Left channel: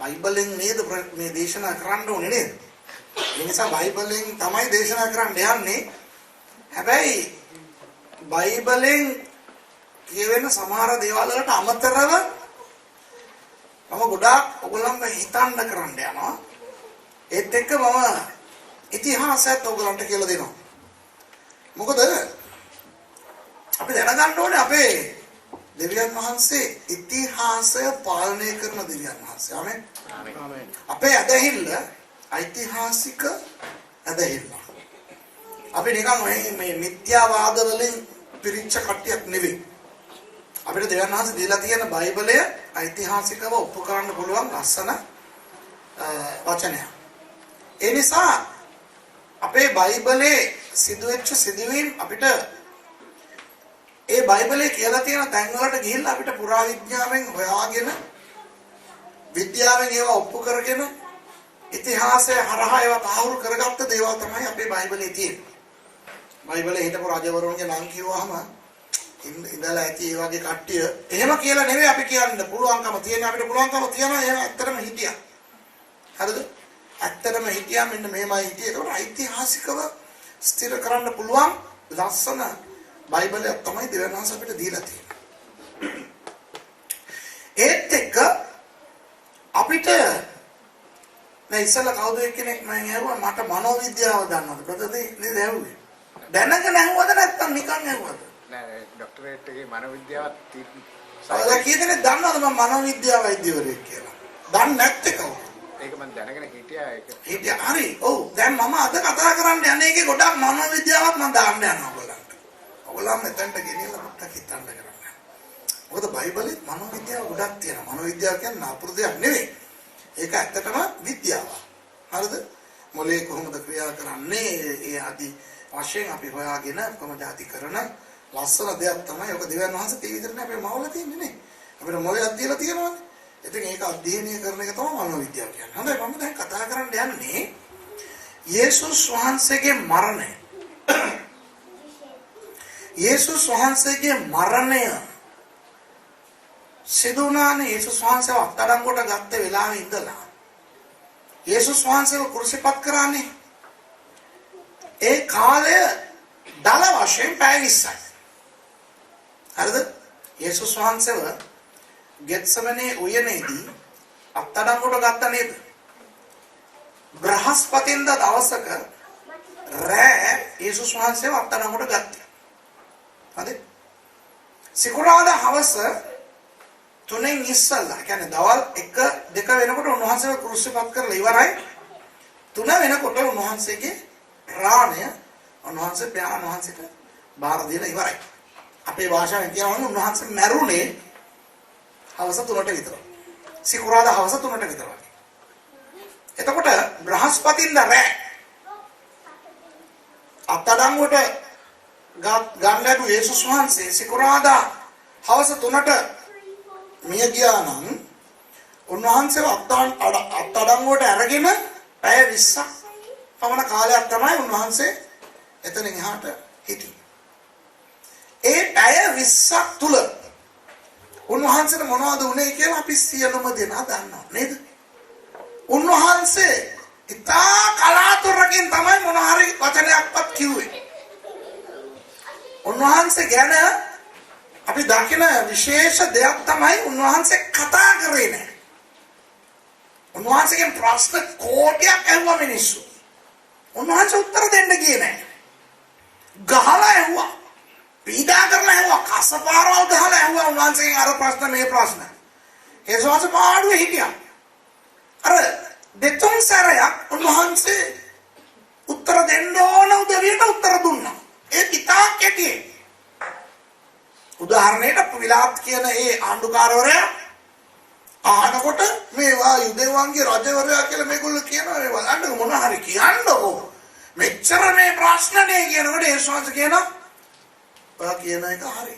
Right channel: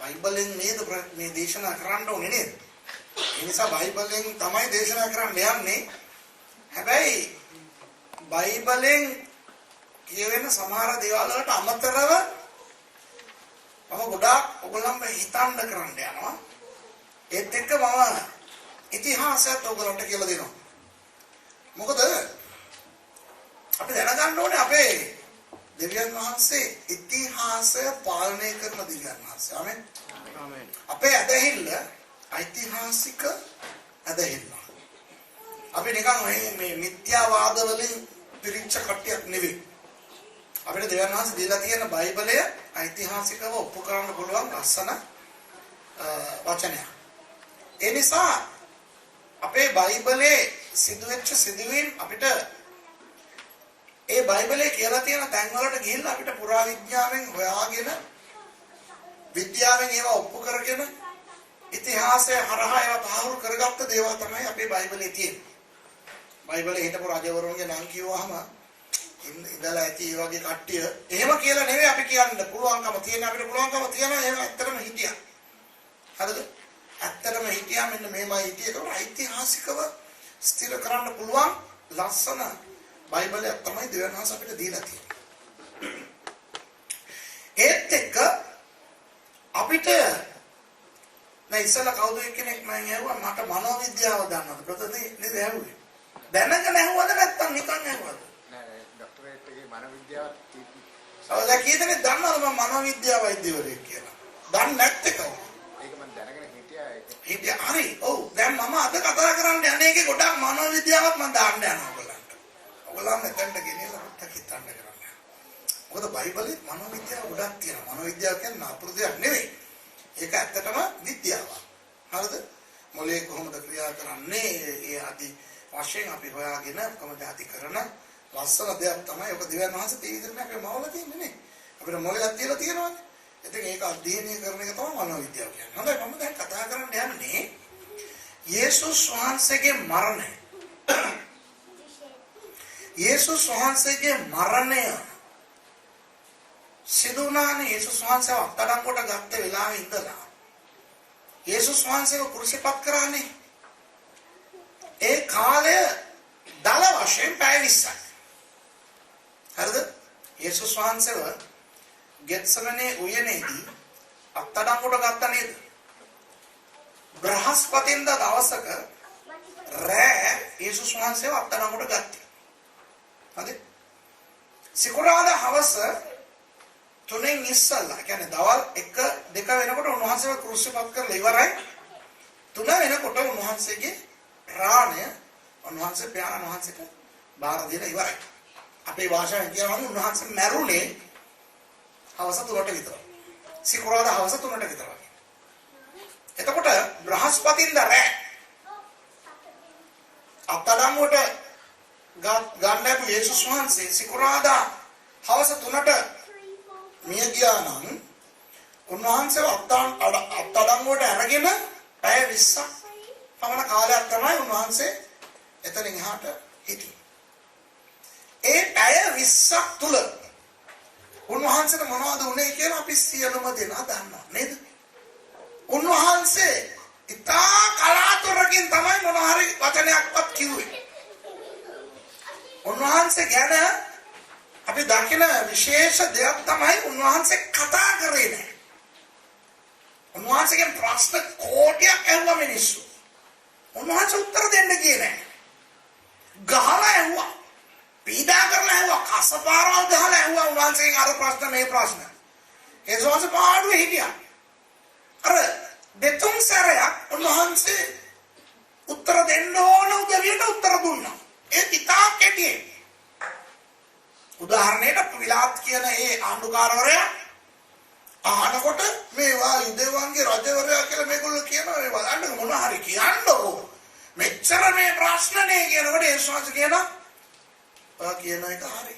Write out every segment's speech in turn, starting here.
බයිබලෙන් නේද මේ දේශනා කරන්න ඕනේ නේද? ඒ නිසා බයිබලෙන් තමයි දේශනා කරන්න යන්නේ. හැබැයි බයිබලෙන් කියවෙන සමහර දේවල් වලට අමතරව මම ගොඩාක් ඔයගොල්ලන්ව හිතන්න කරන්න යනවා. ඒත් එක්ක මම ඉතිහාසයත් ඔයගොල්ලන්ට කියලා දෙනවා. මොකද අපි දැනගන්න ඕනේ අපේ දෙවියන් වහන්සේ ඉතිහාසය පාලනය කරන දෙවියන් වහන්සේ. ආමෙන්. ආමෙන්. අපේ ඇදහිල්ල ඓතිහාසික ඇදහිල්ල. අපි නිකන් මේ මිත්‍යාවාද වලින් පිරිච්ච කට්ටියක් නෙවෙයි. අපිට දෙවියන් වහන්සේ දීලා තියෙන බයිබලය ඓතිහාසිකව ඔප්පු කරන්න පුළුවන් ලස්සන වචනයක්. ඒ නිසා අපේ බයිබලයේ සිදුවෙච්ච සිදුවීම් අපිට ඒ බයිබලයේ කියලා තියෙන තැන් වලට ගිහිල්ලා අපිට පුරා විද්‍යාවෙන් හොයාගෙන විද්‍යාවෙන් ඒවා ඔප්පු කරගෙන ඉතිහාසය හරහා ඒවා තහවුරු කරගත්ත දේවල් තමයි අපේ බයිබලයේ තියෙන්නේ. බයිබලයේ හිටපු රජවරුන්ගේ නම් කිව්වහම ඉඳලා ඇති ඒ වගේ කට්ටිය එහෙම කියලා නෙවෙයි අපි කියන්න පුළුවන්කම තියෙන අපිට පුළුවන්කම තියෙනවා ඒවා ඇත්තටම හිටියා. හරිද? ඇත්තටම හිටියා මෙන්න මේමයි හිටියේ. ඒකට ඓතිහාසිකව ස්ථිර කරන්න පුළුවන් ලස්සන බයිබලයක් තමයි දෙවියන් වහන්සේ අපිට දීලා තියෙන්නේ. ඒත් එක්ක අපිට මේ ඉස්සලා කවුද කෙනෙක් මම ඇහුවා මට මනෝවිද්‍යාව දන්නවද? කොතනද නේද ඇහුවේ? දැනගෙන ඇහුවද නැත්නම් නිකන් ඇහුවද? නෑ ડોක්ටරේට් එකේ මනෝවිද්‍යාව තියෙනවා. කීයදෙනෙක් දන්නවද මම මනෝවිද්‍යාව වෛද්‍යවරයෙක් කියලා? දන්නේ නැත්තේ කවුද? ඒක මම දැනගෙන හිටියා ඒක. හිටියා හරි. ඔව් දැන් මම අද කතා කරන්න යන්නේ ඒකේ ගොඩක් මනෝවිද්‍යාවක් මම දාන්න යනවා ඔයගොල්ලන්ට. ඔයගොල්ලන් මෙතනට ගෙනියලා මට හිතන්න කරන්න. මොකද බයිබලේ මනෝවිද්‍යාව ගොඩක් තියෙනවා. මනෝවිද්‍යාව කියන්නේ නපුරු දෙයක් නෙවෙයි. ඒක ඇත්තටම විද්‍යාවක්. හරිද? මොලේ කොහොමද ක්‍රියා කරන්නේ? ඒ ආදි වශයෙන් අපි හොයාගෙන කොහොමද ඇති කරන ලස්සන දෙයක් තමයි ඔක දෙවියන් වහන්සේ තේ විදිහට අපේ මවල තියෙන්නේ නේ. අපිට මොලයක් දීලා තියෙනවානේ. ඉතින් ඒක අධ්‍යයනය කරන එක තමයි මනෝවිද්‍යාව කියන්නේ. හොඳයි මම දැන් කතා කරන්න යන්නේ යේසුස් වහන්සේගේ මරණය. යේසුස් වහන්සේගේ මරණය සිදු වුණානේ යේසුස් වහන්සේව අත්අඩංගුවට ගත්ත වෙලාවේ ඉඳලා. යේසුස් වහන්සේව කුරුසිපත් කරානේ. ඒ කාලය දල වශයෙන් පැය 20යි. හරිද? යේසුස් වහන්සේව ගෙත්සමනේ උයනේදී අත්අඩංගුවට ගත්ත නේද? බ්‍රහස්පතින්දා දවසක රෑ යේසුස් වහන්සේව අත්අඩංගුවට ගත්තා. හරිද? සිකුරාදා හවස 3න් ඉස්සල්ලා කියන්නේ දවල් 1 2 වෙනකොට උන්වහන්සේව ක්‍රුසිපත් කරලා ඉවරයි. 3 වෙනකොට උන්වහන්සේගේ ප්‍රාණය උන්වහන්සේ පියාණන් වහන්සේට බාර දීලා ඉවරයි. අපේ භාෂාවෙන් කියනවා උන්වහන්සේ මැරුණේ හවස 3ට විතර. සිකුරාදා හවස 3ට විතර. එතකොට බ්‍රහස්පතින්දා රෑ අත්අඩංගුවට ගන්න ලැබු යේසුස් වහන්සේ සිකුරාදා හවස 3ට මිය ගියා නම් උන්වහන්සේව අත්අඩංගුවට අරගෙන පැය 20ක් පමණ කාලයක් තමයි උන්වහන්සේ එතනින් එහාට හිටියේ. ඒ පැය 20ක් තුල උන්වහන්සේට මොනවද වුනේ කියලා අපි සියලුම දෙනා දන්නවා නේද? උන්වහන්සේ ඉතා කලාතුරකින් තමයි මොන හරි වචනයක්වත් කිව්වේ. උන්වහන්සේ ගැන අපි දකින විශේෂ දෙයක් තමයි උන්වහන්සේ කතා කරේ නැහැ. උන්වහන්සේගෙන් ප්‍රශ්න කෝටියක් ඇහුවා මිනිස්සු. උන්වහන්සේ උත්තර දෙන්න ගියේ නැහැ. ගහලා ඇහුවා. පීඩා කරලා ඇහුවා. කසපාරවල් ගහලා ඇහුවා උන්වහන්සේගෙන් අර ප්‍රශ්න මේ ප්‍රශ්න. ඒ සෝස පාඩුවේ හිටියා. අර දෙතුන් සැරයක් උන්වහන්සේ උත්තර දෙන්න ඕන උදවියට උත්තර දුන්නා. ඒ ඉතා කෙටි. උදාහරණයකට විලාත් කියන ඒ ආණ්ඩුකාරවරයා අහනකොට මේවා යුදෙවන්ගේ රජවරයා කියලා මේගොල්ලෝ කියනවා ඒ බලන්න මොන හරි කියන්නකෝ මෙච්චර මේ ප්‍රශ්නනේ කියනකොට ඒ ශාන්ත කියනවා ඔයා කියන එක හරි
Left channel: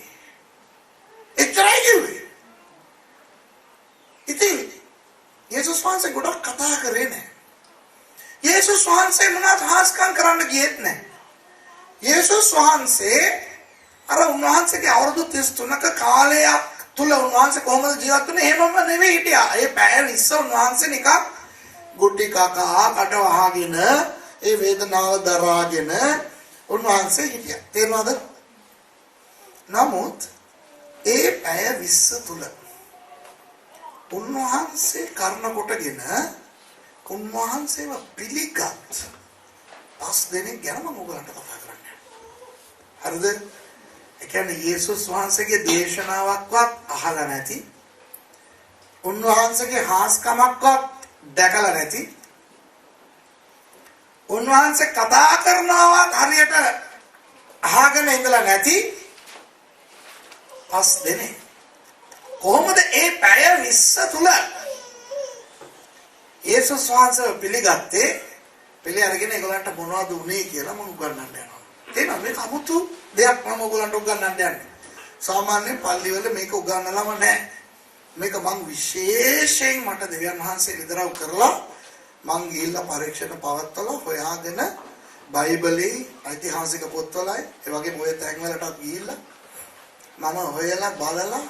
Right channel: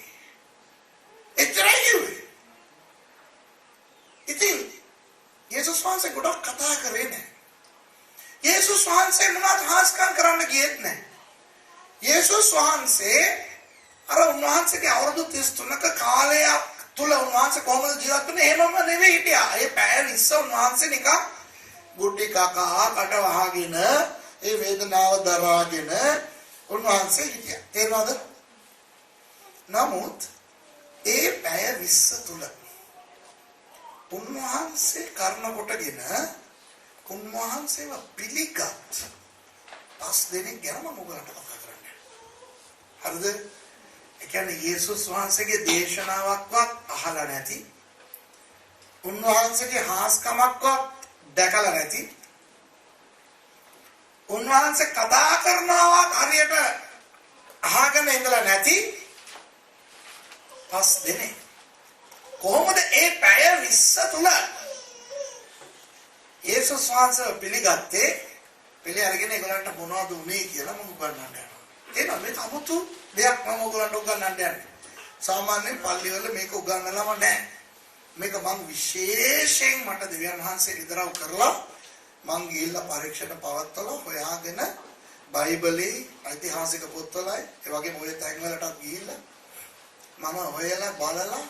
එච්චරයි කිව්වේ. ඉතින් යේසුස් වහන්සේ ගොඩක් කතා කරේ නැහැ. යේසුස් වහන්සේ මොනවත් හාස්කම් කරන්න ගියෙත් නැහැ. යේසුස් වහන්සේ අර උන්වහන්සේගේ අවුරුදු 33ක කාලයක් තුල උන්වහන්සේ කොහොමද ජීවත් වෙන්නේ? එහෙමම නෙවෙයි හිටියා. ඒ පැය 20 උන්වහන්සේ නිකන් ගුටි කකා කට වහගෙන ඒ වේදනාව දරාගෙන උන්වහන්සේ හිටියා. තේරුණාද? නමුත් ඒ පැය 20 තුල උන්වහන්සේ කර්ණ කොටගෙන උන්වහන්සේව පිළිගත් 5 දෙනෙක් ගැන මම ඔයගලන්ට කතා කරන්නේ. හරිද? ඒ කියන්නේ යේසුස් වහන්සේගේ දේශනාවක්වත් අහලා නැති, උන්වහන්සේගේ හාස්කමක්වත් දැකලා නැති, උන්වහන්සේ කතා කරනවත් හරියට අහගෙන ඉඳලා නැති 5 දෙනෙක්. කොහොමද ඒ පැය 20 තුල යේසුස් වහන්සේ පිළිගත්තේ? පිළි අරගෙන ඒගොල්ලන්ට මොනවද උනේ කියලා මම උගන්වන්න යනවා. එහෙනම් මේක 아무තු දෙයක් මම ඔයගොල්ලන්ට උගන්වන්න යන්නේ. සාමාන්‍යයෙන් පල්ලිවල මේක උගන්වලම නැහැ. මේක මම විශේෂයෙන් මට දෙවියන් වහන්සේ ඉදරව් කරලා මං ගිහිල්ලා පරීක්ෂණ පවත්වලා හොයාගෙන බයිබලයේ ඓතිහාසික පොත්වලයි ඒ වගේම ඔය තැන්වලටත් ගිහිල්ලා මම හොයලා බලලා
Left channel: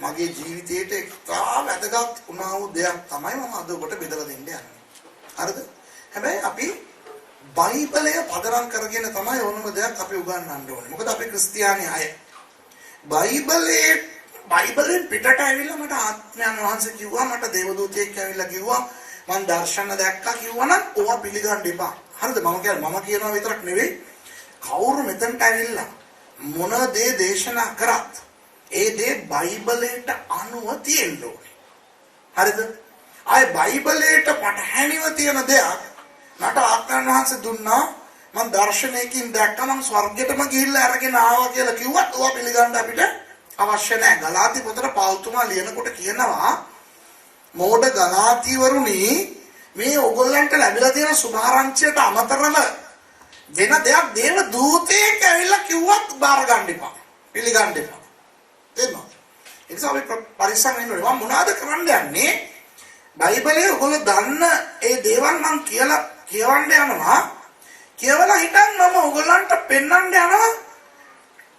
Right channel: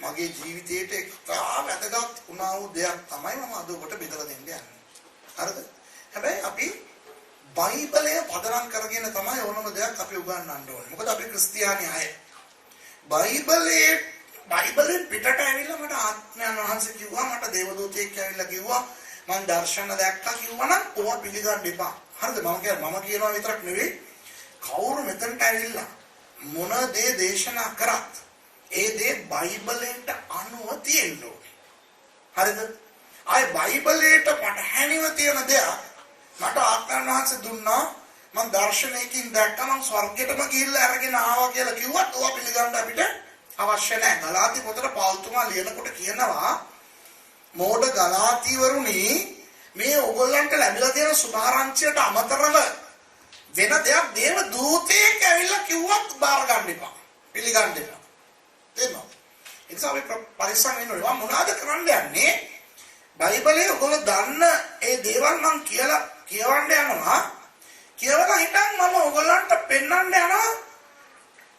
මගේ ජීවිතේට ඉතා වැදගත් වුණා වූ දෙයක් තමයි මම අද ඔබට බෙදලා දෙන්න යන්නේ. හරිද? හැබැයි අපි බයිබලය පදනම් කරගෙන තමයි ඕනම දෙයක් අපි උගන්වන්න ඕනේ. මොකද අපි ක්‍රිස්තියානි අය. බයිබලෙන් පිටට ඇවිල්ලා මට ආත්මයන් වහන්සේ කිව්වා, මට දේවදූතයෙක් ඇවිල්ලා කිව්වා, මම දර්ශන දැක්කා කිව්වනම් ඕවා පිළිගන්න එපා. හරිද? මම කියනවා විතරක් නෙවෙයි. කවුරු මෙතනට ඇවිල්ලා මොන දේ දේශනා කරත් ඒ දේ බයිබලයට අනුව තියෙන්න ඕනේ. හරිද? ආයේ බයිබලයට පටහැනිව තියෙන දෙයක් මට ආත්මයන් වහන්සේ දුන්නා, මම දර්ශනයකින් දැක්කා, මම ස්වර්ගයටම ගිහිල්ලා අරගෙන ආවා කියලා කිව්වත් ඕවා පිළිගන්න අපිට අවශ්‍ය නැහැ. ගලාති පොතේ පෞල්තුමා ලියනකොට කියනවා, මෝඩ ගලාතිවරුනි, මේ ඔයගොල්ලන්ට ලැබිලා තියෙන සුභාරංචියට අමතරව වෙන දෙයක් දේව දූතයෙක් ඇවිල්ලා කිව්වත් බාර ගන්න එපා. පිළිගන්න එපා. තේරෙනවද? ඒ නිසා අපි පරිස්සම් වෙන්න ඕනේ. මම මොනවද කරන්න යන්නේ? බයිබලයේ ඔයගොල්ලෝ දන්න ඒ දේවල් මම කියලා කියවන්න යනවා. කියවලා හිටන් මම ඔයගොල්ලන්ට පෙන්වන්න යනවා.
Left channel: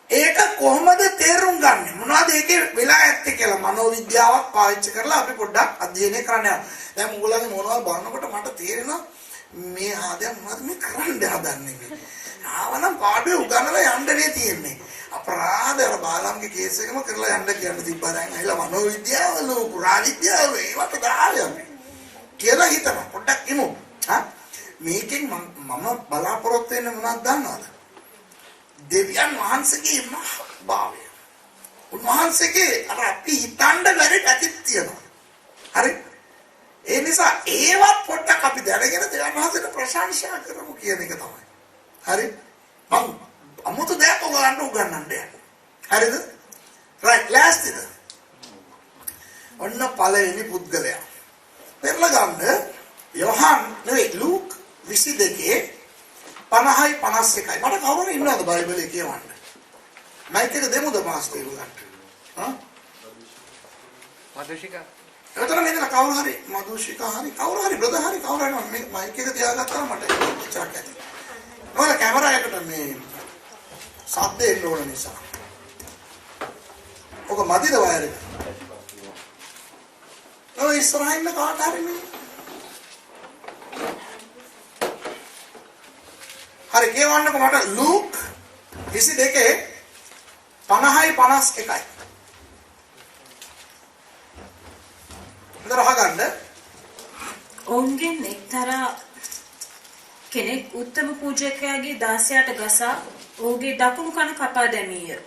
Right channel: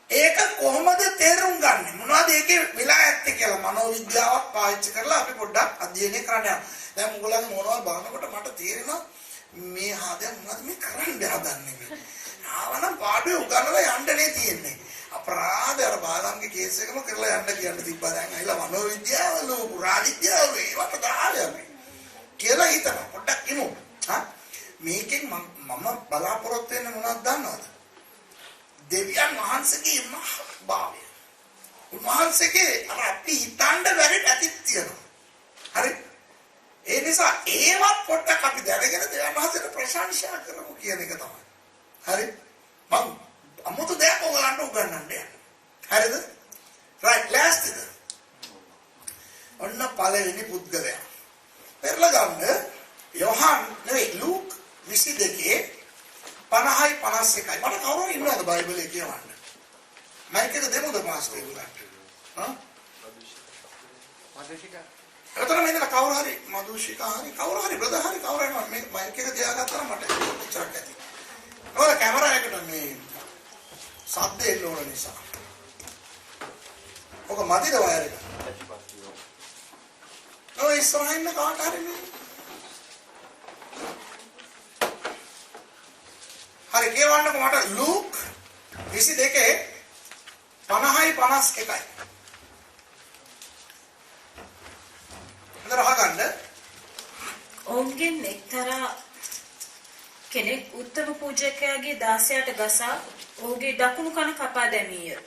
ඒක කොහොමද තේරුම් ගන්නෙ? මොනවද ඒකේ වෙලා ඇත්තේ කියලා මනෝවිද්‍යාවක් පාවිච්චි කරලා අපි පොඩ්ඩක් අධ්‍යයනය කරන්න යනවා. දැන් ඔයගොල්ලන්ගේ මොනවද බලනකොට මට තේරෙනවා මේ ආදයන් මොනවද මේ කරන්න හදන්නේ කියලා. ආවනම් පාඩුවේ උගන්වලා යන්නනේ තියෙන්නේ. අපරාධ අර බාලම්ගේ කේස් එකම කරලා යන්න කියන්න තිබ්බා. දැන් ඇවිල්ලා මනෝවිද්‍යාවල පුරා විද්‍යාව ඒවට දාලා කියලා හිතනවා. පොඩ්ඩක් ඉමු. මේකෙන් මම බලාපොරොත්තු වෙන්නේ මොනවද දන්නවද? දෙවියන් වහන්සේගේ මහත්භාවය. උන්වහන්සේගේ අර අපි හිතන්න බැරි පැතිත් තියෙනවා. හරි? ඒ නිසා ඒවත් පොඩ්ඩක් අපි දැනගෙන දෙවියන් වහන්සේට ප්‍රශංසා කරමු කියන එක තමයි. හරි? මම අමුතු දෙයක් ඔයගලන්ට උගන්වන්න යනවා. හරිද? right lastද? ඔන්න පළවෙනි පුද්ගලයා. පෙරලා ගන්න යෝහන් නෙවෙයි ලූක් 22 50යි 51යි. මට කවුරුන් ඉන්නවද බයිබලයේ කියවන්න? මයික් එක දෙමුද පාස්ටර් උගන්ට? මදුෂිකා. එතන මෙතන කවුරු හරි මදුෂිකා හරි කවුරු හරි බ්‍රදර් හරි කවුරු හරි මේ මයික් එක තියාගත්තා මට ඉච්චරක් ඇති. මොකද කැමරා එකට මේ සද්ද එන්න ඕන නිසා. ඔක මදිද වයර් එක? ඔය ඉස්සරහින් කාට හරි මේ හරි කියවන්නකො මට ලූක් 22 50යි 51යි. හතර අහගන්න. ඔවුන්ගෙන් එක්තරා කෙනෙක් උත්තම පූජකයාගේ දාසයාට ගසා ඔහුගේ දකුණු කන කපා දැමීය.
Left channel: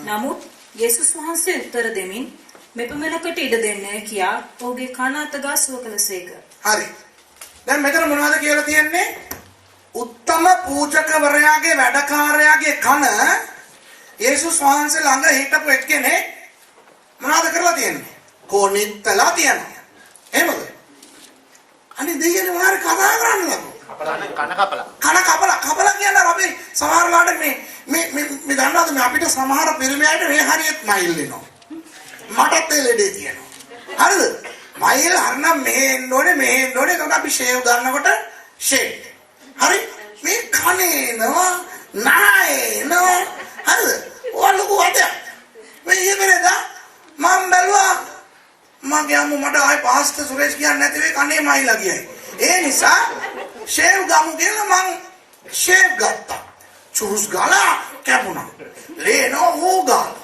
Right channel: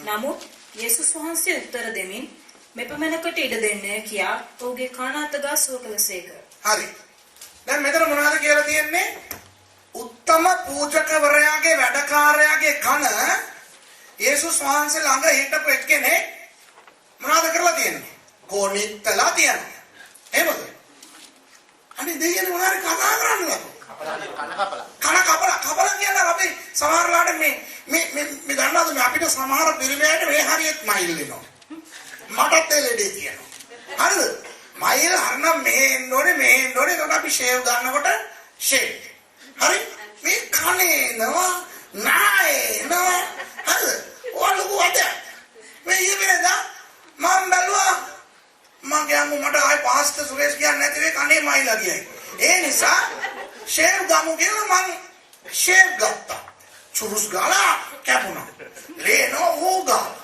නමුත් යේසුස් වහන්සේ උත්තර දෙමින් මෙපමණකට ඉඩ දෙන්නේ කියා ඔහුගේ කන අත ගා සුව කළසේක. හරි. දැන් මෙතන මොනවද කියලා තියෙන්නේ? උත්තම පූජකවරයාගේ වැඩකාරයාගේ කන යේසුස් වහන්සේ ළඟ හිටපු එක්කෙනෙක් මොනවද කරලා තියෙන්නේ? කොනිත්තලා තියෙනවා. එහෙමද? අනේ දෙයනේ මොනාරි කතා කරන්නේ කන කපලා කියන අපි සමහර ලාට මේ දන්නවද මේ අපිට සමහර පිරිමියට මේ හරියට මයිල් වෙනවා. මටත් ඒ ලෙඩේ තියෙනවා. හරිද? මයිල් හරනම් මේ එන්න ඕනේ එතකොට අපි ෂේව් ගන්නකොට ෂේව්. හරි? මේ කනේනවා නායනවා. හරිද? ඔලුව වද. මේ ඉතින් මම බැලුවා මගේ අම්මා මට ආයි පාස්ත සුරේෂ් කියන්නේ නැති වෙයි කන්නේ මයිලා කියයි. ඒ නිසා ෂේව් ගමු කියලා මං ෂේව් ගත්තා. චුරුස් ගාලා කැපුණා. රේනෝ හොගා.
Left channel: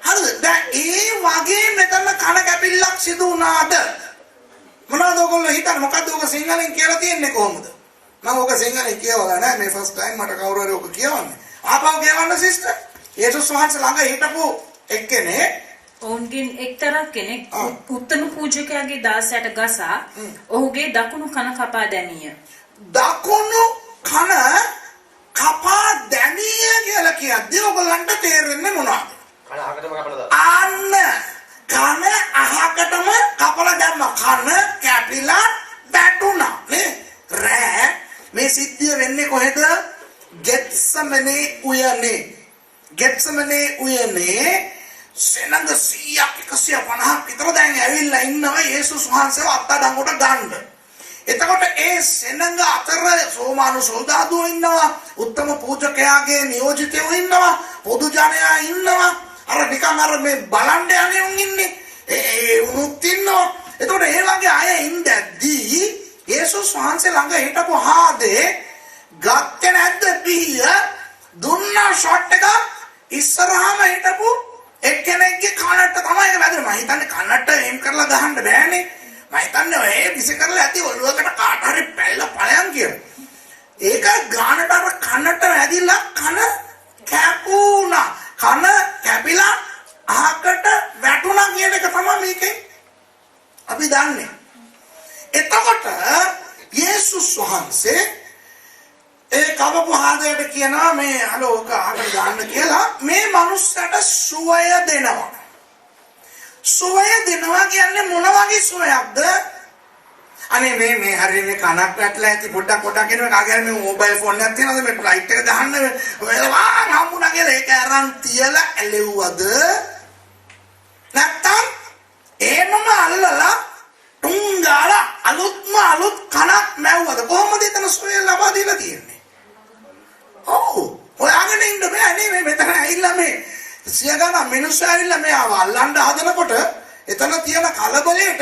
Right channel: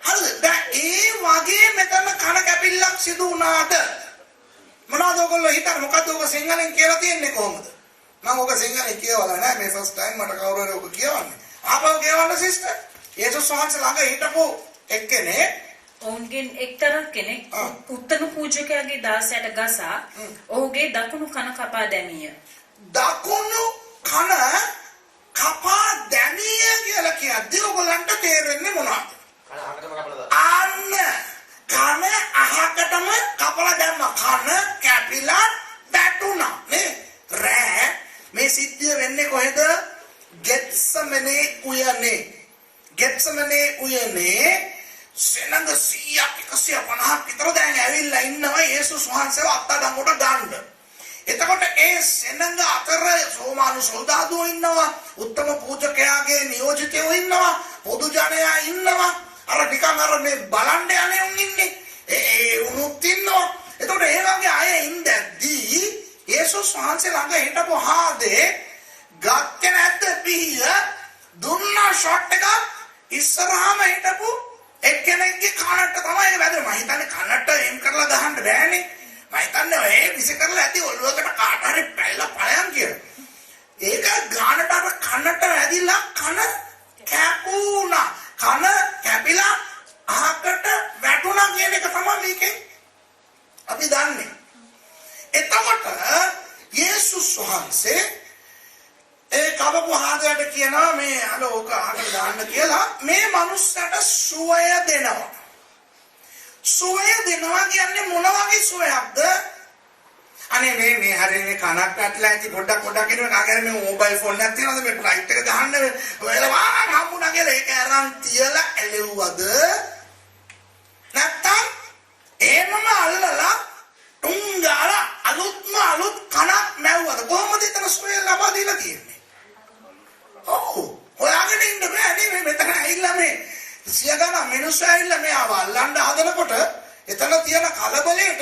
හරිද? දැන් ඒ වගේ මෙතන කන කැපිල්ලක් සිදු වුණාද? මොනවද ඔයගොල්ලෝ හිතන්නේ මොකද්ද ඔක සිංහලෙන් කියලා තියන්නේ කොහොමද? මම ඔක සිංහලෙන් කියවලා නැහැ මේ ෆස්ට් ටයිම් මට කවුරු හරි ඔක කියවන්නේ. ආපහු කියවන්න සිස්ටර්. යේසුස් වහන්සේ ළඟ හිටපු එක්කෙනේ ඔවුන්ගෙන් එක්තරා කෙනෙක් උත්තම පූජකයාගේ දාසයට ගසා ඔහුගේ දකුණු කන කපා දැමීය. දකුණු කන කපා දැමීය කියලා කියද්දී ඔයගොල්ලන්ට තේරෙන්නේ මොනවද? අන්න කන අහකටම කපලා දැම්ම කන කැපිලා වැටුණා නේ රෑ මේ සිද්ධිය වෙන්නේ කොහෙද? ගෙත්සමනේ උයනේ සෙනඟ 100ක් 150ක් විතර දැන් ඇවිල්ලා ඉන්නවා යේසුස් වහන්සේව අත්අඩංගුවට ගන්න. එතකොට ඒ සෙනඟ අතර රෝමානු සොල්දාදුවෝ ඉන්නවා, උත්තම පූජකයාගේ නියෝජිතයෝ ඉන්නවා, පොදු ජනයා ඉන්නවා. අර නිකන් අර මේ බලන්න යන්නේ උන් ඉන්නේ. ඒ උනුත් ඉන්නවා. එතකොට ඒ වගේ අය ඉඳද්දී යේසුස් වහන්සේ ළඟ හිටපු හාදේ ගත්තේ නැද්ද පිහිය දුන්නා ෂොට් එක ඉස්සරහම හිටපු එක්කෙනෙක්ගේ කනට තමයි වැදුනේ. මම හිතන්නේ කනට එම් කරලා ගහන්න බෑනේ. මම හිතන්නේ ඔය විසි කරලා ඇති ඔළුවකට කාට හරි පැල්ලා ඵලයන් කියලා. ඒක ගානට අර කනට වැදිලා කන කැපුණා. කන කැපිලා අහකට වැටුණා කියන එක තමයි මේකේ අපි දන්නේ. එතකොට යේසුස් වහන්සේ ඒ කවපු හාදයට කියනවා මේ අලෝ ඔක අහකට දාන්න කියලා මේ මනුස්සයට සුවය දෙනවා. සුවය දෙනවා කියන්නේ මොන වගේ සුවයක්ද? අනේ මේ හරිය මේ කනක් වැටලා ඇති පොඩ්ඩක් එනවා කාගෙන මේ මොබයිල් ෆෝන් එකක් තියෙනවද මේ ෆ්ලයිට් එක දාන්න ඔයා හම්බුණා කියලා ඒක අරන් තියලා ඇලෙව්වද? නැත්තම් එහෙමම අල්ලලා තුංගාලා අලුත් කනක් මැව්වද? කොහොමද එතන සුවය ලබා දීලා තියෙන්නේ? ඔව් හොයාගෙන ඉන්න බෑ නේ මේ මෙතන ඇවිල්ලා මේ සියගණ මිනිස්සු ඇවිල්ලා මේ අල්ලන්න හදනකොට එතන තියෙන කලබලයට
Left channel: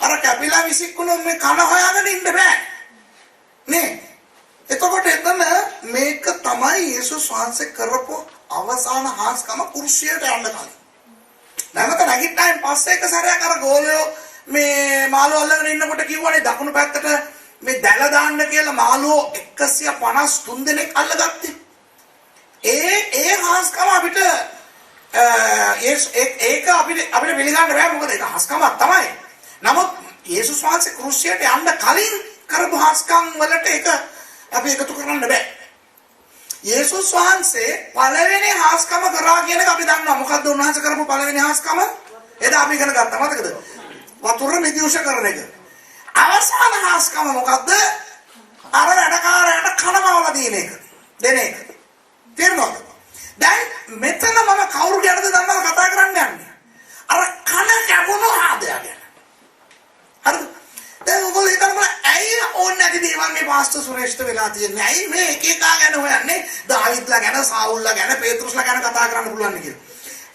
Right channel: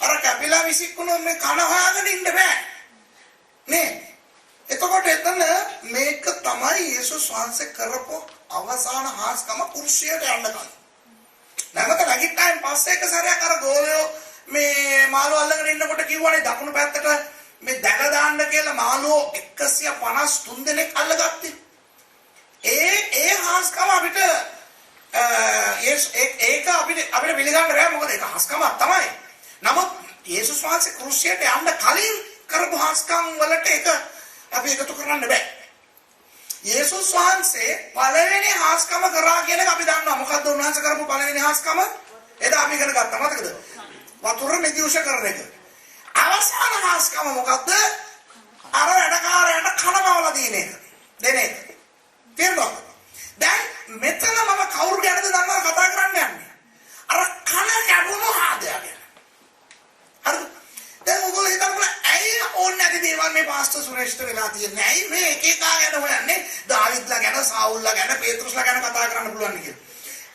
අර කැපිලා විසිකුණු මේ කන හොයාගෙන ඉන්න බෑ නේ. එතකොට එතන මේක තමයි යේසුස් වහන්සේ කරපු අවසාන හාස්කම කුරුසියට යන්න කලින්. නැවත නැගිට්ටායින් පස්සේ එක සැරයක් අර ගෝලයෝ මේ මාළු අල්ලගෙන ඉන්නකොට කිව්වනේ දකුණු පැත්තට මේ දැල දාන්න කියලා මාළුවෝ 153 දෙනෙක් අල්ලගත්තේ. ඒ හාස්කම අපිට ඒක අපිට පිළිගන්න බෑ මොකද ඒක හාස්කමක් තමයි. නමුත් යේසුස් වහන්සේ ක්‍රුසියට යන්න කලින් කරපු හාස්කම් වලට ඒක අපි එකතු කරන්න බෑ. යේසුස් වහන්සේ පළවෙනි හාස්කම කරා කියන එක අපි දන්නවා. මොකද්ද උන්වහන්සේ කරපු පළවෙනි හාස්කම? එදා අපි ඉගෙන ගත්තා මතකද? වතුර නිදිවුෂ කරන එක. අවසාන හාස්කම මොකද්ද? අර වැඩකාරයාට කනවවලා දින එක. දෙන එක. තේරුණාද? දැන් මෙතන මම කවුරු ගැනද දන්නවද කතා කරන්න යන්නේ? අර කන කැපුණු ආදයා ගැන. හරිද? දැන් ඔයගොල්ලෝ හිතන්න ඇයි ඕනේ නැති දේවල් මේ පාස්ටර් සුරේෂ්ට වෙලා තියෙන්නේ? ඇයි මේ එක එක ගැන හොයන්නේ? දාවිද්ලා ගැන, සාවුල්ලා ගැන, පේතෘස්ලා ගැන කතා කරන්න පුළුවන් කියලා.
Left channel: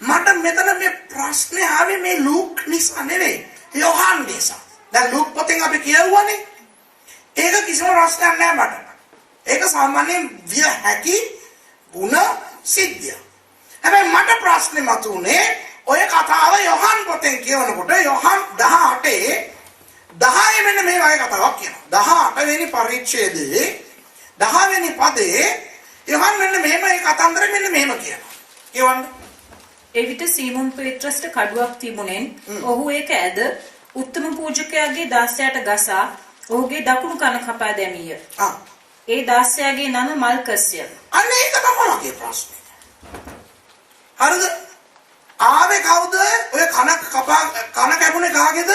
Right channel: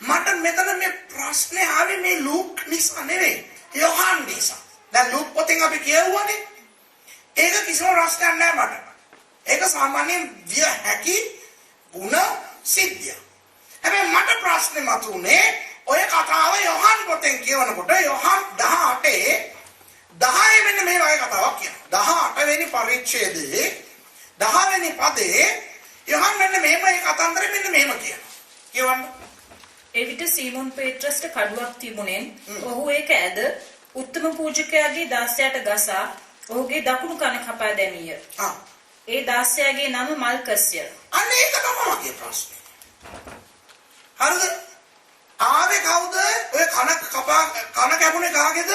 මට මෙතන මේ ප්‍රශ්නේ ආවේ මේ ලූක් නිසා නෙවෙයි. යෝහන් නිසා. දැන් ලූක් පොතෙන් අපි කියවුවානේ. ඒක කිසිම ප්‍රශ්නයක් නෑ මට. ඒක සාමාන්‍යයෙන් විය හැකි ಗುಣ සිද්ධිය. හැබැයි මට ප්‍රශ්නේ මතුනේ ඔය කතාව යෝහන් පොතෙන් කියවනකොට යෝහන් 10 මෙන්න මේ වගේ කතාවක් කියනවා. 18 වෙනි පරිච්ඡේදයේ 10 වෙනි පදේ යෝහන් මෙන්න මෙහෙම මේ කතන්දරේ මෙන්න මෙහෙම කියනවා. කියවන්න. එවිට සීමොන් පේත්‍රස්ට කඩුවක් තිබුණෙන් ඔහු ඒක ඇද උත්තම පූජකයාගේ දාසයාට ගසා ඔහුගේ දකුණු කන කපා දැමීය. ඒ දාසයාගේ නම මල්කස්ය. අන්න ඒක තමයි මගේ ප්‍රශ්නේ. හරිද? ආවේ කවුද? ඔය කන කැපුණේ කාගේද?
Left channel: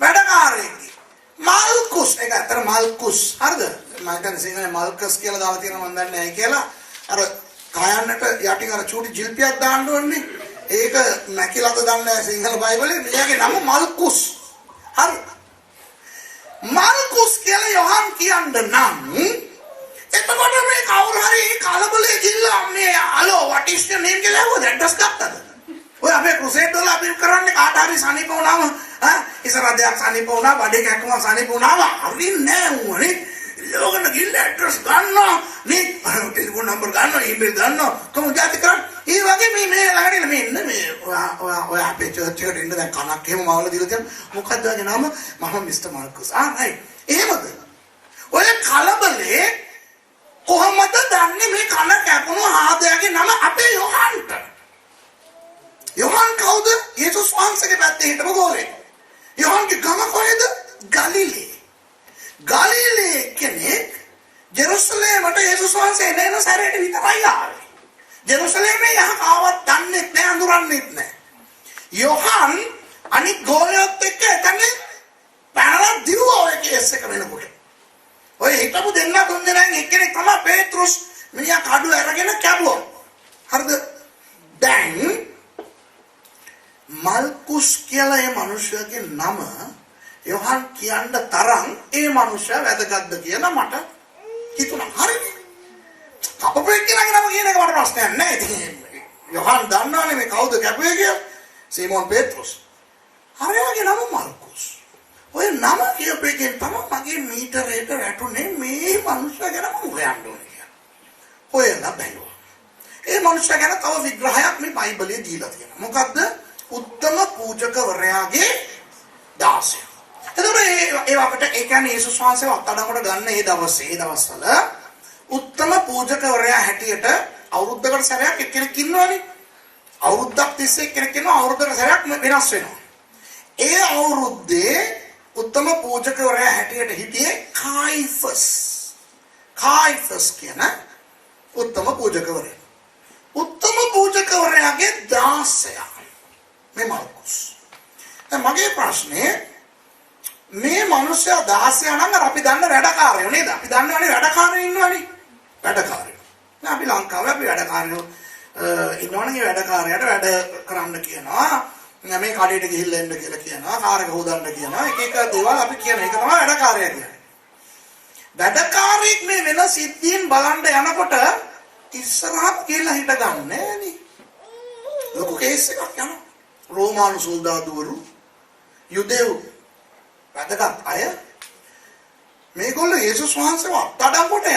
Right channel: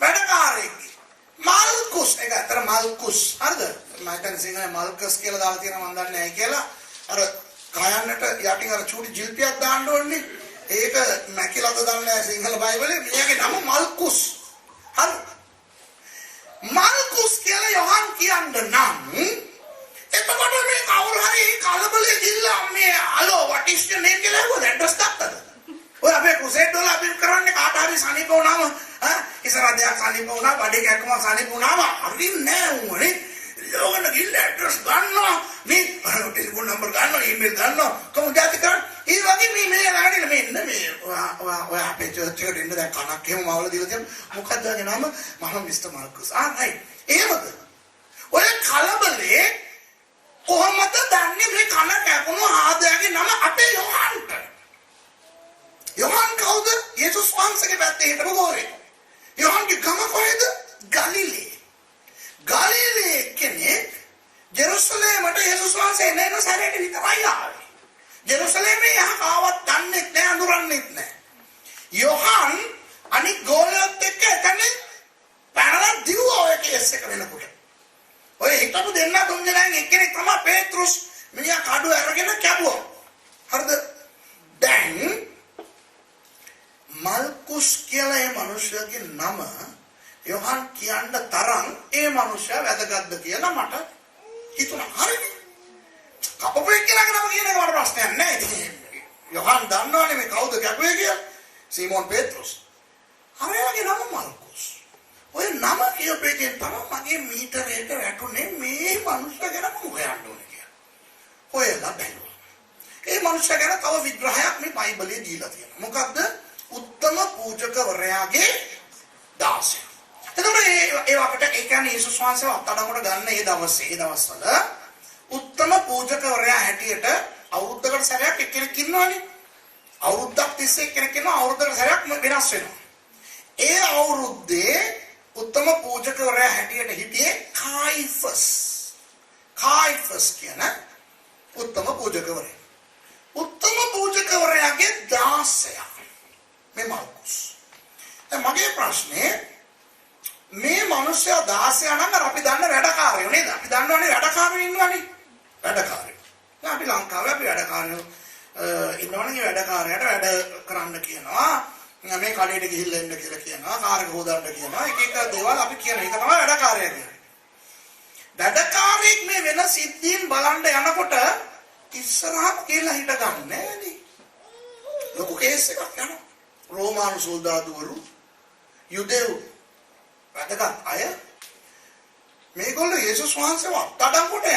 වැඩකාරයෙක්ගේ. මල්කුස්. ඒක අතර මල්කුස්. හරිද? මම හිතන්නේ සිංහලේ මල්කස් කියලා දාලා තියෙනවා මම දන්නේ නැහැ කියලා. අර කයන්නට යටින් අර චූටි ජිල්පියක් දාන්න ඕනේ. ඒක නැකිලද දන්නේ නැහැ සිංහල බයිබලේ. මෙයාගේ නම මල්කුස්. හරි. මල්කුස් කියලා යොහන් කියන්න නම් එතකොට මේ කවුරු හරි කලබලේ ගිල්ලා මේ hello what is your name කියලා හොද ඇඩ්‍රස් ගත්තද? ඔය අපේ ක්‍රුසේඩ් වල අපි කරන්නේ කාට හරි සනීප වුණාම ඉස්සරහ දෙයක් සනීප වුණා බඩේ කැක්කම සනීප වුණාම හරින්නේ නැහැ උනේ. ලෝකන ගිල්ල ඇඩ්‍රස් ගන්නවා මේ ටෙලිෆෝන් නම්බර ගන්නවා ඊමේල් ගන්නවා කොහොමද ජාති කරන්නේ. ඒ වගේ මේ ළඟදී මේ ඉන්න මේ ඔය අපේ චර්ච් එකට ඉන්න දැන් කනක් එහෙම මාවල දීලා තියෙන මොකක්ද වාගේ නම මම මිස්ටර් මාර්කස්. රයිට්. එහෙමද? ඔය කලබලේ කොහොමද දන්නේ මේ කන කැපුණු ආදයාගේ නම අපේ යොහන්ට? යොහන් කවුද? යේසුස් වහන්සේගේ පැත්තේ හිටපු ගෝලේ. යොහන්ගේ ගම කොහෙද? ගලිලේ. ගලිලේ කෙනෙක් ජෙරුසලේමට යේසුස් වහන්සේ එන සැරේට විතරයි ආවේ. ජෙරුසලේමේ යහ කාවත් දන්නේ නැහැ අඳුරන්නේ නැහැ. යොහන් අනිත් ගෝලියොත් එක්ක එතන පැනලා දිරුවා ඔය කේස් එක වෙනකොට. ඔය හිටපු දෙන්න තුන් දෙනාගෙන් එක්කෙනෙක් තමයි පේත්‍රුස් මිනිහා කඩුව අරගෙන කැපුවා. හරිද? දැන් මල්කුස් කියලා ඒ මිනිහගේ නම යොහන් කියන්න තරම් ඒ මිනිහා වැදගත්ද කියලා මට හිතුණා. හරිද? කපපේ කියලා නම කියන එක මට ප්‍රශ්නයක් නෑ. ඉතින් යොහන් දන්නවනේ මේ කවුද කැපුවේ කියලා. සීමෝන් පේත්‍රුස්. හරියගේ නම මල්කුස්. ඔය නම කියපේකෙන් තමයි මගේ මීටරේට වැටුනේ මේ මිනිහා ගැන හොයන්න ඕනේ කියලා. හොයලා බැලුවා. ඒ මිනිහා ගැන තව විග්‍රහයක් මේ බයිබලයේ දීලා තියෙනවා. මොකද්ද? උත්තම පූජකවරයාගේ දාසය. එතකොට ඒ අපිට ඒ කියන්නේ යේසුස් වහන්සේව අත්අඩංගුවට ගන්න ඒ දවස්වල උත්තම පූජකවරයා හැටියට අවුරුද්දකට සැරයක් එක්කෙනෙක් ඉන්නවනේ. අවුරුද්දක් තිස්සේ එක්කෙනෙක් ඉන්නවා අවුරුද්දකට සැරයක් වෙනස් වෙනවා. ඒ අවුරුද්දේ උත්තම පූජකවරයා හැටියට හිටියේ කායිෆස් කියන උත්තම පූජකවරයා. උත්තම පූජකවරයාගේ දාසයා මේ මල්කුස්. දැන් මගේ ප්‍රශ්නේ මේ මිනිස්සයා 16 නම් අපි දන්න වැඩකාරයෝ නේද? අපි දන්නවනේ වැඩකාරයෝ ඉන්නවනේ. වැඩකාරයෝ. දැන් අපි ලංකාවේ අපි වැඩකාරයෝ ඉන්නවනේ වැඩකාරයාට වැඩ කරන්න කියනවා. මේ කඩේට ගිහිල්ලා එන්න කියලා කියනවා. කාර් එක හොදන්න කියනවා. එක දේවල් අපි කියන එක තමයි වැඩකාරයා කියන්නේ. වැඩකාරයෙක් මේ වෙන සිද්ධීන් බලන්න යනකොට ඉස්සරහට කියලා හිට ගන්න නෑනේ. ලොකු කේස් එකක් යනවා. රෝමානු සොල්දාදුවරු යුදෙව් වැදගත් අය මේගොල්ලෝ යේසුස් වහන්සේව අත්අඩංගුවට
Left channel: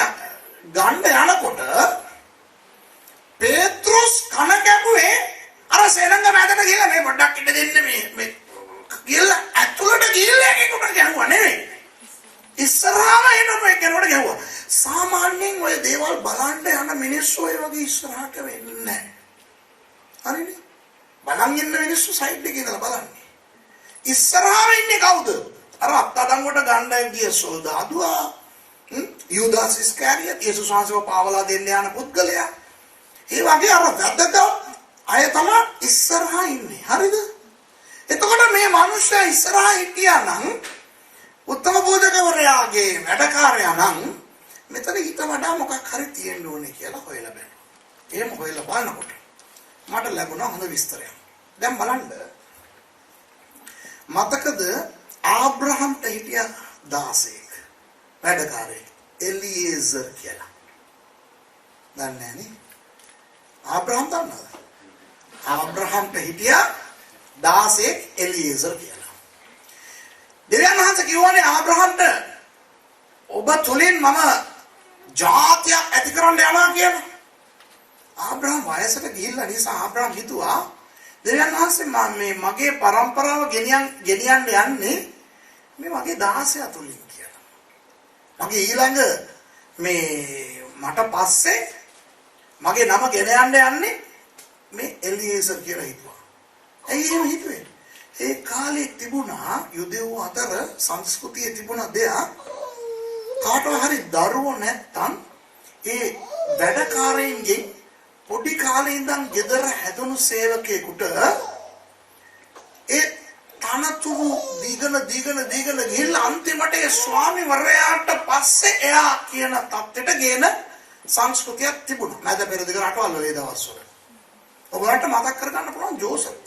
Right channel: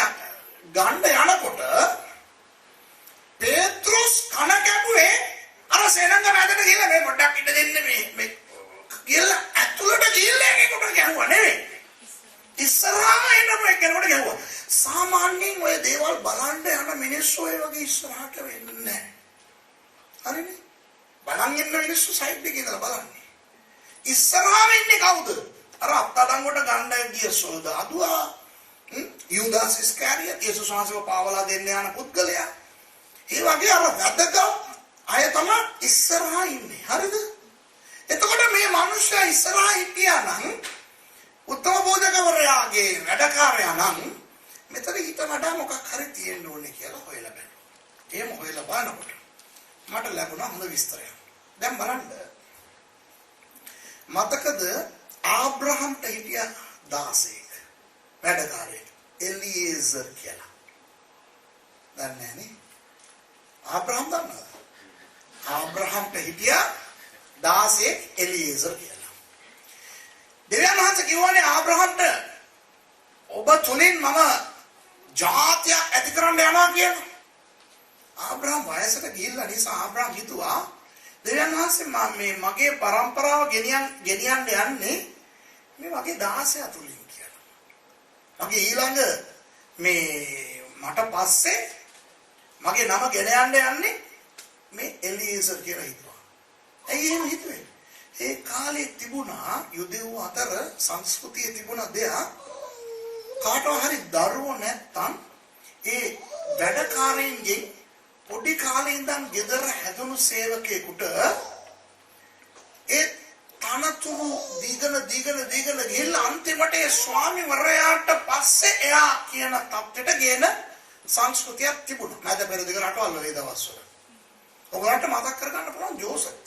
ගන්න යනකොට පේත්‍රුස් කන කැපුවේ අර සෙනඟ මැදට ගිහලා මේ පොඩ්ඩක් ඉන්න දෙන්න මේ ගිහලා ඇතුළට ගිහලා ඒකට ගැහුවා නෙවෙයි ඉස්සරහම එනකොට කෙනෙකුට ගැහුවා. සාමාන්‍යයෙන් ඔය දේවල් බලන්න යන මිනිස්සු ඔය වගේ ඉස්සරහට වෙන්නේ නැහැ. හරිනේ? බලන් ඉන්න මිනිස්සු සයිඩ් එකේ ඉඳලා බලන්නේ. ඉස්සරහම ඉන්නේ කවුද? අර අත්අඩංගුවට ගන්න ගිය සොල්දාදුවා. යූදාස් ඉස්කාරියට් යේසුස් වහන්සේව පාවලා දෙන්න යන පුද්ගලයා. ඒ වගේ අර වැදගත් අය තමයි ඉස්සරහා ඉන්නේ. හරිද? එතකොට මේ මිනිස්සයා ඉස්සරහා හිටියා නම් උත්තම පූජකවරයාගේ වැඩකාරයා නම් මෙතන ඊට වඩා මොකක් හරි තියෙන්න ඕනේ කියලා හොයලා බලනවා. එහෙම හොයලා බලනකොට මට ලැබුණා හොඳ විස්තරයක්. දැන් බලන්න මතකද ආබ්‍රහම්ට හිටිය 16ක් වැඩකාරයෙක් එලියේසර් කියලා. දන්නේ නැහැ නේ? ආබ්‍රහම් දන්නවද? ආබ්‍රහම්ට හිටිය 16ක් එලියේසර් කියලා. දෙවියන් වහන්සේ කිව්වනේ ආබ්‍රහම්ට ඔබ තුලින් මම ජාතියක් ඇති කරන්න යනවා කියලා. ආබ්‍රහම් වයසට ගිහිල්ලා නිසා ආබ්‍රහම් හිතුවා දෙවියන් වහන්සේ මේ මගේ પરම්පරාව ගෙනියන්න යන්නේ මේ මගේ 16 තුලින් කියලා. මගේ ඊළඟ මේ මට පස්සේ මගේ නම ගෙන යන්නේ මේ එලියේසර් කියලා හිතුවා. ඇයි එහෙම හිතුවේ? ඒ කාලේ තිබුණා යුදෙව් අතර සංස්කෘතියේ තිබුණ දෙයක් කාටවත් හරි දරුවෝ නැත්තම් ඒ වැඩකාරයින්ගේ පොඩි කාලේ ඉඳන් ගෙදර හැදුණු සේවකයෙකුට ඒ තනතුරු දීගෙන ගිහිල්ලා අන්තිමට ඒ ස්වාමිවරයාට පස්සේ එයා කියන තත්ත්වයට ගේන සංස්කෘතියක් තිබුණා. නැද පෙරදිග රටවල් වල ඒ දවස්වල. ඔයගොල්ලන්ට මතක් කරගන්න පුළුවන් ජෝසප්.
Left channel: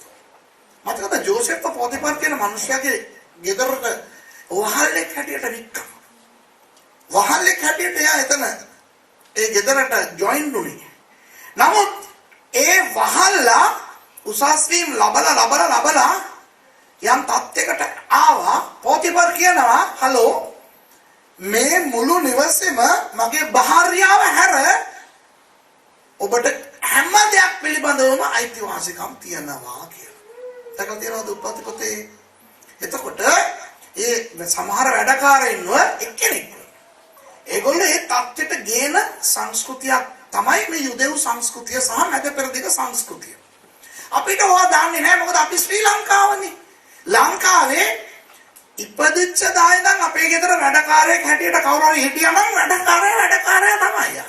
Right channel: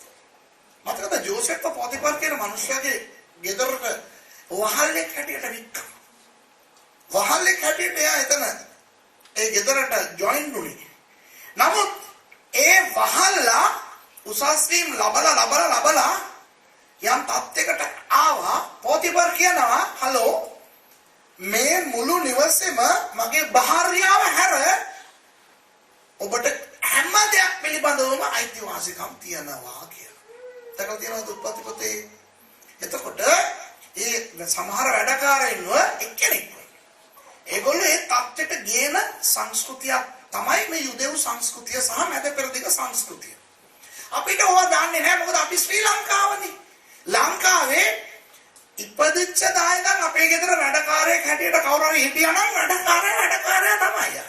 මතකද ජෝසප් පොතිපර් කියන මිනිහයාගේ ගෙදරට වහල්ලෙක් හැටියට වික්කා. වහල්ලෙක් හැටියට එයා එතන ඒ ගෙදරට ජොයින් වුණේ. නමුත් ඒ වහල්ලා උසස් වීම ලබලා යම් තත්යකට ආවා. පොතිපර් කියනවා හලෝ මේ මුළු නිවසේම මගේ භාර්යාව හැර ඔබට හැම දෙයක් පිළිබඳවම අයිතිවාසිකම් තියනවා කියලා. දැකලා තියෙනවද උත්පත්ති පොතේ? එතකොට ඒ සමහර වැඩකාරයින්ව එක්කෙනෙක්. ඒගොල්ලෝ ඒ තත්ත්වයට ගේන සංස්කෘතියක් තමයි මේ යුදෙව් සංස්කෘතිය සහ මැද පෙරදිග සංස්කෘතිය. අපිට ඕවා දන්නේ නැහැ මොකද අපි ශ්‍රී ලංකාවනේ. ලංකාවේ ඉපදිච්ච දායකයන් අපේ ගෙදර වැඩකාරයෙක් හැටියට කවුරු හරි හිටියා නම් වැඩකාරයා තමයි යන්නේ.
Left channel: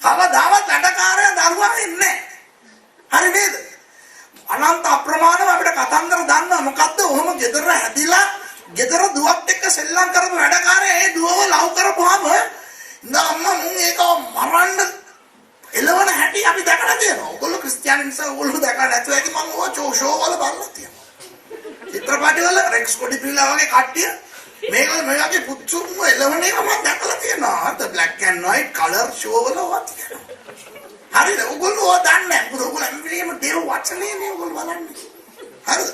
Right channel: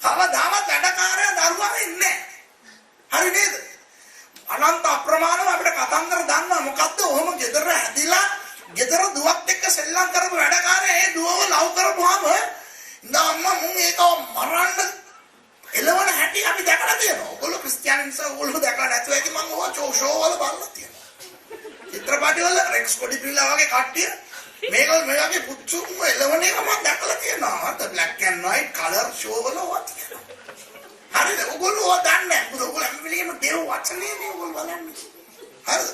කවදාවත් වැඩකාරයා දරුවා ඉන්නේ නැහැ. හරි නේද? අනන්ත අප්‍රමාණව අපිට කතන්දර දන්නවා මොකද්ද? ඔහොම ගෙදර හැදිලා ගෙදර දුවත් එක්ක සෙල්ලම් කරපු වැඩකාරයා ඒ දුවව ලව් කරපුවාම නම්ම මුන් ඒක මරන්න එළවන හැටි අපි දැකලා තියෙනවා. ඔයගොල්ලෝ ක්‍රිස්තියානි නිසා ඔයගොල්ලෝ දැකලා නැතුව ඇති මම ඕවා ෂෝ වල බලලා තියෙනවා. චිත්‍රපටි වල රෙක්ස් කොඩිපිල්ලා වගේ කට්ටිය මේගොල්ලෝ මේ වගේ පුච්චුම එළවන එක මම දැකලා තියෙනවා. අර black and white colour show වල ඔවා තියෙනවා. හරිද? ඔයගොල්ලෝ ඔවා දන්නේ නැහැ. මොකද ඔයගොල්ලෝ හැමවිලේම දේව වචනේ නේ ඔයගොල්ලෝ බලන්නේ. හරිද?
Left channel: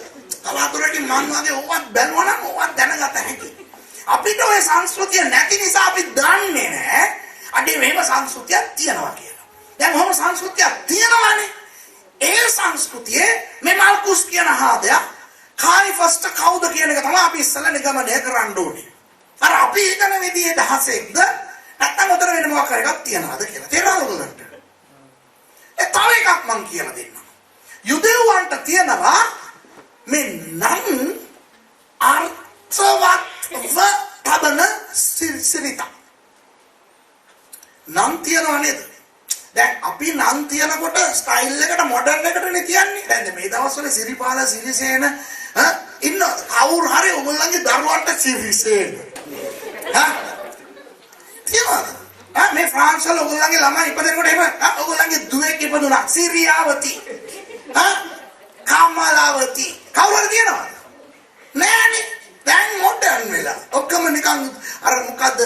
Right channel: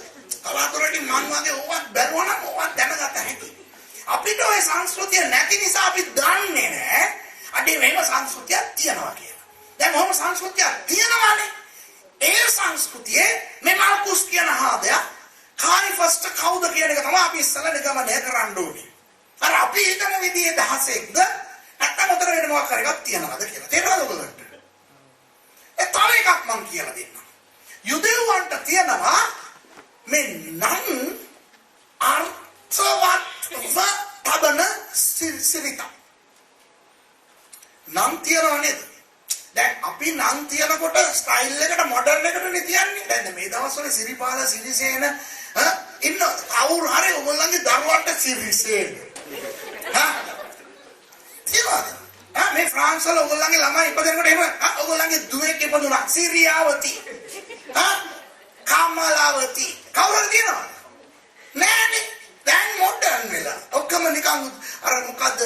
තවතුරකින් මං වගේ ඕවත් බැලුවා නම් ඕවත් දැනගත හැකියි. අපිට ওই සංස්කෘතිය නැති නිසා අපි දන්නේ නැහැ. අඩේ මේව සංස්කෘතියක් තියනවා කියලා. දැන් ඔහොම සංස්කෘතියක් තියෙනවානේ. ඒ සංස්කෘතියේ මේ මාල්කුස් කියන හාදයා කායිෆස්ට කවුද කියන එක තමයි අපි ඉස්සෙල්ලා නිගමනය කරන්න ඕනේ. අර අපි හිතන විදිහේ දහසෙක්ද නැත්නම් උතර වෙන මොකක් හරි එකක් තියනවාද කියලා. තේරෙනවද ඔයගොල්ලන්ට? ඒ තව එකක් මං කියලා දෙන්නම්. යුදෙව්වන්ට තියනවා මේ නම් අර්ථවත්ව තබන සිරිත. නම් තියනවා නේද? දැන් අපි නම් තියනකොට ස්ටයිල් එකට මොඩර්න් එකට නේ තියන්නේ. දැන් මේ දවස්වල සිරිපාල සිරිසේන ඉන්න කවුරු හරි ඔයගොල්ලන්ගේ දරුවන්ට සිරිසේන. තියනවා. මේ ෆ්‍රාන්ස් වල ඔයගොල්ලන්ගේ ළමයි ඉපදෙනකොට එහෙම ඔයගොල්ලන්ගේ දුවෙක් ඉපදුණා සිරියාවති. කමලාවති. කවුරුද තියනවා? නෑනේ. දැන් මොඩර්න් වෙලා. ඔක්කොම නිකන් අර මොකද්ද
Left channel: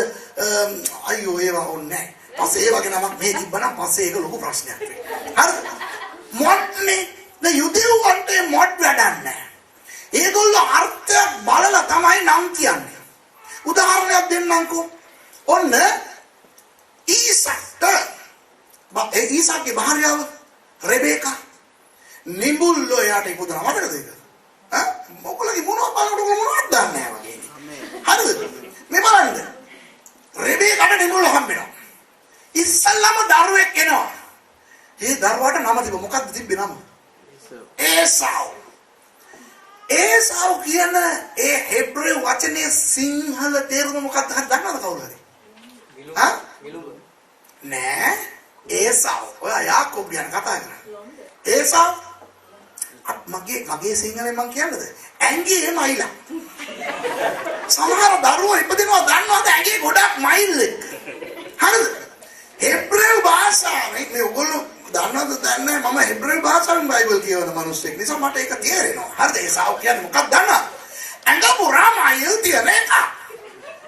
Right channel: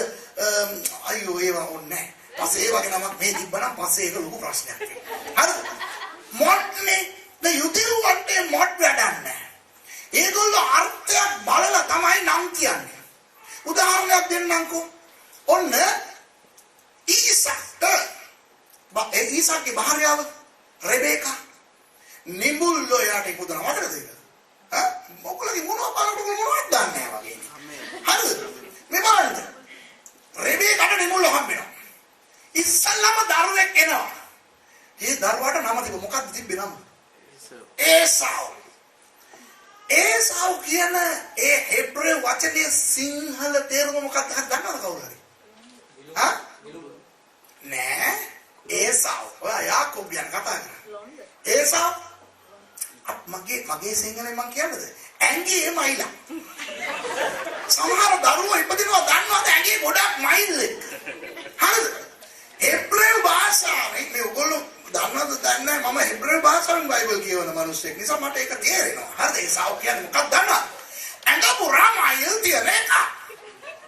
අයියෝ ඒවා ඕනේ නෑ. පස්සේ ඒ වගේ නමක් මේ තිබ්බනම් පස්සේ ඒක ලොකු ප්‍රශ්නයක් වෙනවා. හරිද? මොඩ්නේ ද යුදෙව්වන්ට මොඩ් වැඩක් නැහැ. ඒගොල්ලෝ අර්ථයක් බලලා තමයි නම් කියන්නේ. උදාහරණයක් දෙන්නම්කෝ. ඔන්න ඊසාක්ගේ භාර්යාව රෙබේකා නිබුල්ලෝ යට ඉපදුනා මතකද ඒක? මොකලගේ මොනවද බලනකොට මොනවද දන්නේ නැහැ වගේ. හරිද? මේ බලන්න. රෙබේකාට නිබුල්ලෝ හම්බෙනවා. ඉස්සල්ලාම දරුවෙක් එනවා. ඒ දරුවාට නම තිබ්බ මොකක්ද තිබ්බේ නම? ඒසාව්. ඒසාව් කියන ඒ හෙබ්‍රේව වචනේ සිංහල තේරුම මොකක්ද දන්නවද කවුරු හරි? නෑ. ඒසාව්. ඔයා යාකෝබ් ගැන කතා කරන්නේ. ඒසාව් මගේ සිංහලෙන් මං කියන්නද? ඇඟේ මයිලා. සමහර දරුවෝ ඉපදිනවා දන්නවද ඇඟේ ගොඩක් මයිල් එක. හරිද? හෙබ්‍රේව භාෂාවෙන් මේ ඔයගොල්ලෝ දන්නවද දන්නේ මම හෙබ්‍රේව භාෂාවෙන් බයිබල් කියවන මිනිස්සෙක් නිසා මට ඒක තේරෙනවා. හරිද? ඒ සාව කියන්නේ මොකක්ද දන්නවද? ඇඟ පුරා මයිල් තියන එක.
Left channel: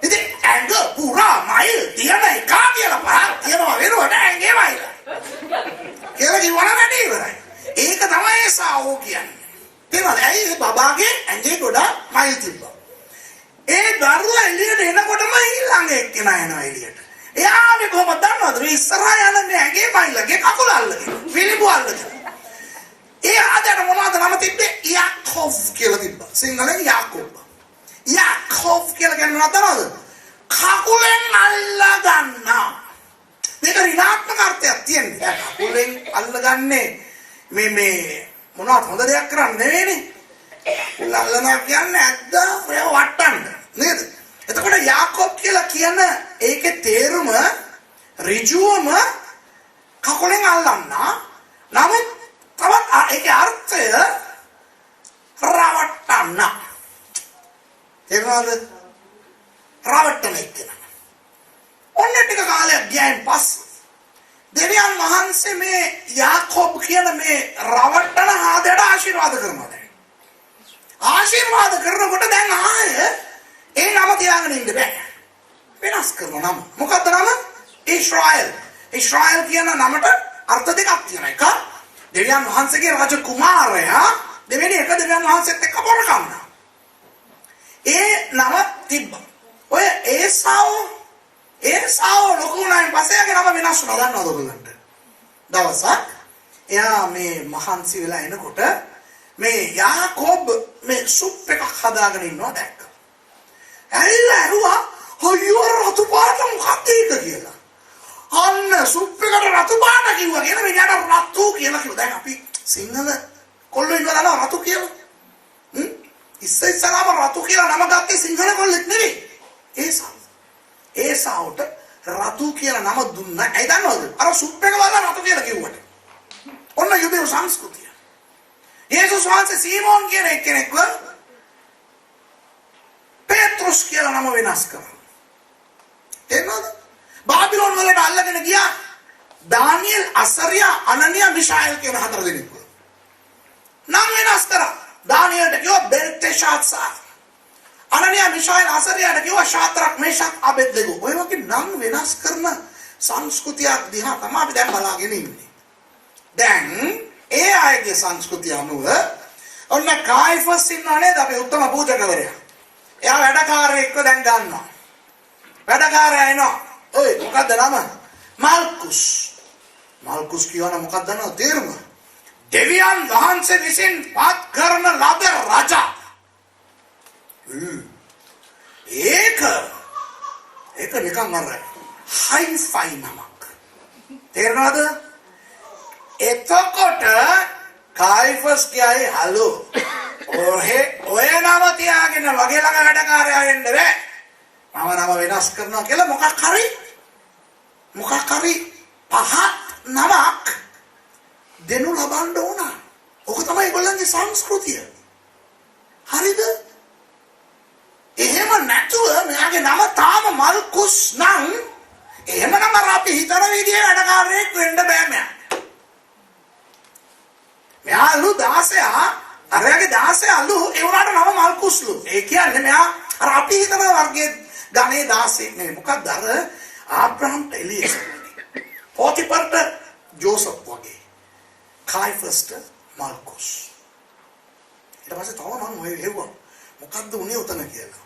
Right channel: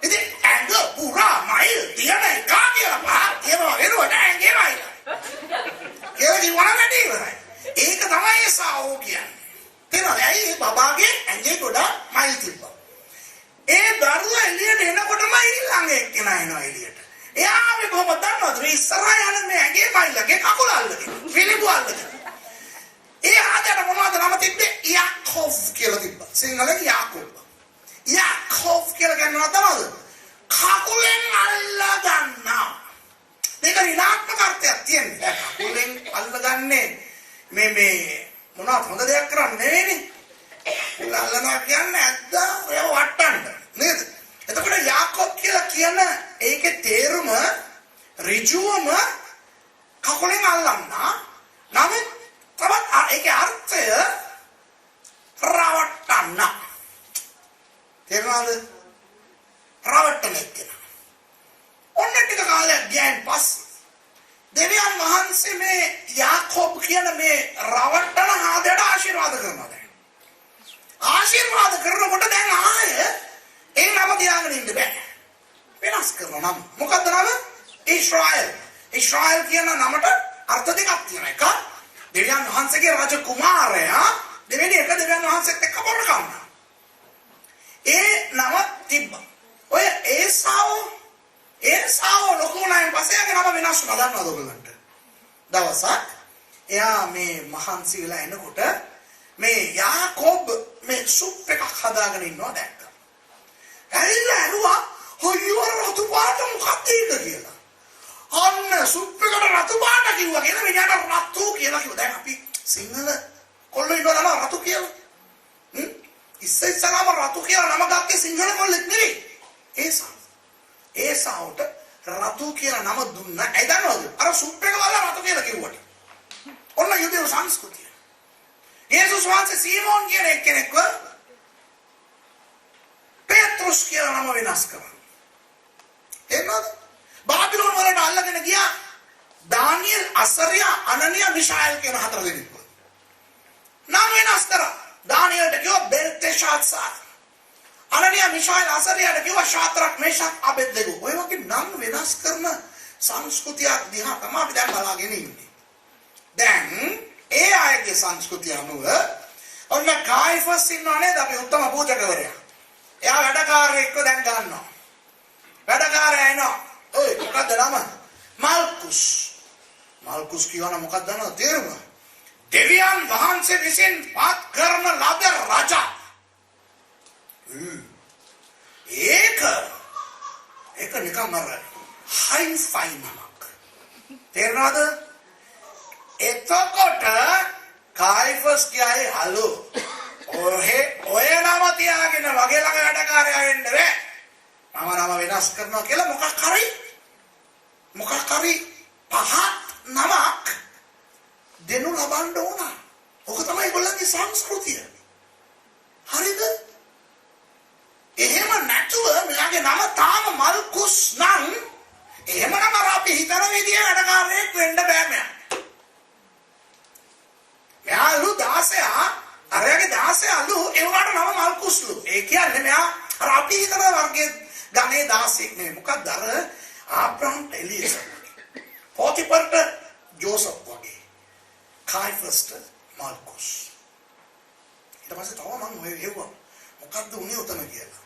ඉතින් ඇඟ පුරා මයිල් තියන එක කියලා පහක් කියනවා වෙනවට ඇඟේ මයිල්. කියලා කිව්වනම් වැඩි ඉවරයි. ඒක තමයි ඒ සාව කියන්නේ. තේරුණාද? ඇයි බබාගේ ඇඟේ ගොඩක් මයිල් තිබ්බා. ඒ දරුවා එළියට එනකොටම ඊළඟ එක්කෙනා එනවා එළියට. එයා මේ කොහොමද දන්නවද? මේ ඉස්සරහා යන මේ ඇඟේ මයිලගේ කකුල අල්ලගෙන. පිළිඹු අල්ලගෙන. ඒ ආදර මොනවද නම තිබ්බේ? යාකෝබ් කියලා තිබ්බා. සිංහලෙන් යාකෝබ්. යාකෝබ් කියලා කියනවා තමයි. කකුලෙන් අල්ලා ගන්නවා. මේක ඍණාත්මක අර්ථයක් තියෙනවා. කකුලෙන් අල්ලගන්නේ මේ මොනවද හොඳ දෙයක් කරන්නේ නෙවෙයිනේ. අල්ලනවා කියන්නේ ඇද්දා ඔය වට්ටන්න. නේද? එතකොට යාකෝබ් කියලා කියන ඒකේ තේරුම ඍජුවම කකුලෙන් අල්ලන්න. නමුත් තවත් ඒකේ අර්ථය රවට්ටන්න. තේරුණාද? රවට්ටන එක. ඔන්න ටික කාලයක් ගියන් පස්සේ දෙවියන් වහන්සේ මේ යාකෝබ් කියන මේ රවට්ටන ආදයට ආශිර්වාද කරනවා. ආශිර්වාද කරනකොට දැන් ආයේ ඒ නම තියාගෙන ඉන්න බෑ. වෙනස් කරනවා නම. මොකද්ද නම? ඊශ්‍රායල්. ඊශ්‍රායල් කියන නමට අර්ථ දෙකක් තියෙනවා. එක දෙවියන් වහන්සේගේ රාජ කුමාරයා දෙවෙනි එක දෙවියන් වහන්සේත් එක්ක බොර කන්නා. ඒ නම තිබ්බා. ඔය ඒසාව ලොකු වුණායින් පස්සේ එයාගේ නම වෙනස් වුණා. දන්නවද ඔයගොල්ලන්ට? දවසක් එයා මේ මහන්සි වෙලා එනකොට මේ යාකෝබ් මේ සුප් එකක් හදාගෙන ඉන්නවා දැක්කා. ඇවිල්ලා ඇරුවා "හොයෝ රතු පාට මොකක්ද ඒක?" කියලා. අන්න සුප් එකට රතු පාට කිව්වා කියලා මෙයාට රතු කියලා කිව්වා. දැන් අපි සිංහල කොල්ලෝ ඉන්නවා දන්නවා රතු කියලා. ඉස්සෙල්ලාම රතු කියලා නම ගත්තේ සිංහල කොල්ලෙක් නෙවෙයි. ඒසාවට රතු කියලා නම දුන්නා. ඇයි දන්නවද? අර සුප් එක වල රතු කියලා කිව්වට. ඔන්න යුදෙව් සංස්කෘතිය. යේසුස් වහන්සේ සීමෝන් කියන එක්කෙනෙක්ව පේත්‍රුස් කියලා නම වෙනස් කරා. එන්නද? බාබිලෝන් වලට අල්ලගෙන ගියා දානියෙල්, අසරියා, අනනියා, මිෂායල් කියන හතර දෙනෙක්. නම වෙනස් කරා. දානියෙල්ට කිව්වා බෙල්තෙෂාත්සාර්. අනනියා, මිෂායල්, අසරියාට කිව්වා ශාද්‍රක්, මේෂක්, අබෙද්නෙගෝ. ඔය වගේ නම් වෙනස් කරන සංස්කෘතියක් දිහා තමයි අපි දැන් බලාගෙන ඉන්නේ. දැන් ඒ අයගේ සංස්කෘතිය අනුව ඔන්න කායිෆස් ඉන්නව නේද අපි උත්තම පූජකවරයා. එයා වැඩකාරයෙක්ව දැන් ගන්නවා. වැඩකාරයා එනවා. ඔය මොකක්ද නම? මල්කුස්. මල්කුස් කියවන මොකක්ද දන්නවද තේරුම? දෙවියන් වහන්සේ විසින් පත් කරන ලද රජා. ඒක නිකන් අර හයිෆයි නමක්. තේරෙනවද? එතකොට කායිෆස් කියයි හලෝ ඔය නම තියාගෙන වගේ ළඟ වැඩකාරයා එන්න බෑ. මම නම වෙනස් කරනවා කියලා මොකක් හරි පහත් නමක් දෙනු ලබන්න ඕන. ඔක තමයි ඒගොල්ලන්ගේ සංස්කෘතිය. හරිද? එහෙම නැතුව මෙයාගේ නම තාම මල්කුස් නම් එහෙමනම් අපි හිතන විදිහේ වැඩකාරයෙක් වෙන්න බෑ මෙයා. මෙයාලු 16 අරයාගේ 16 අලු ඒ වුණාට නම මල්කුස්ලු. ඒ කියන්නේ මෙයා අර අපි හිතන වර්ගයේ ගණේ 16 නෙමෙයි. මොකක්ද අර ආබ්‍රහම්ට එලියස් වගේ. පොතිපර්ට ජෝසප් වගේ. කායිෆස්ට මල්කුස්. ඊට පස්සේ තව මම ඔය හෙව්වා. මොකද්ද උනේ උතන කියලා.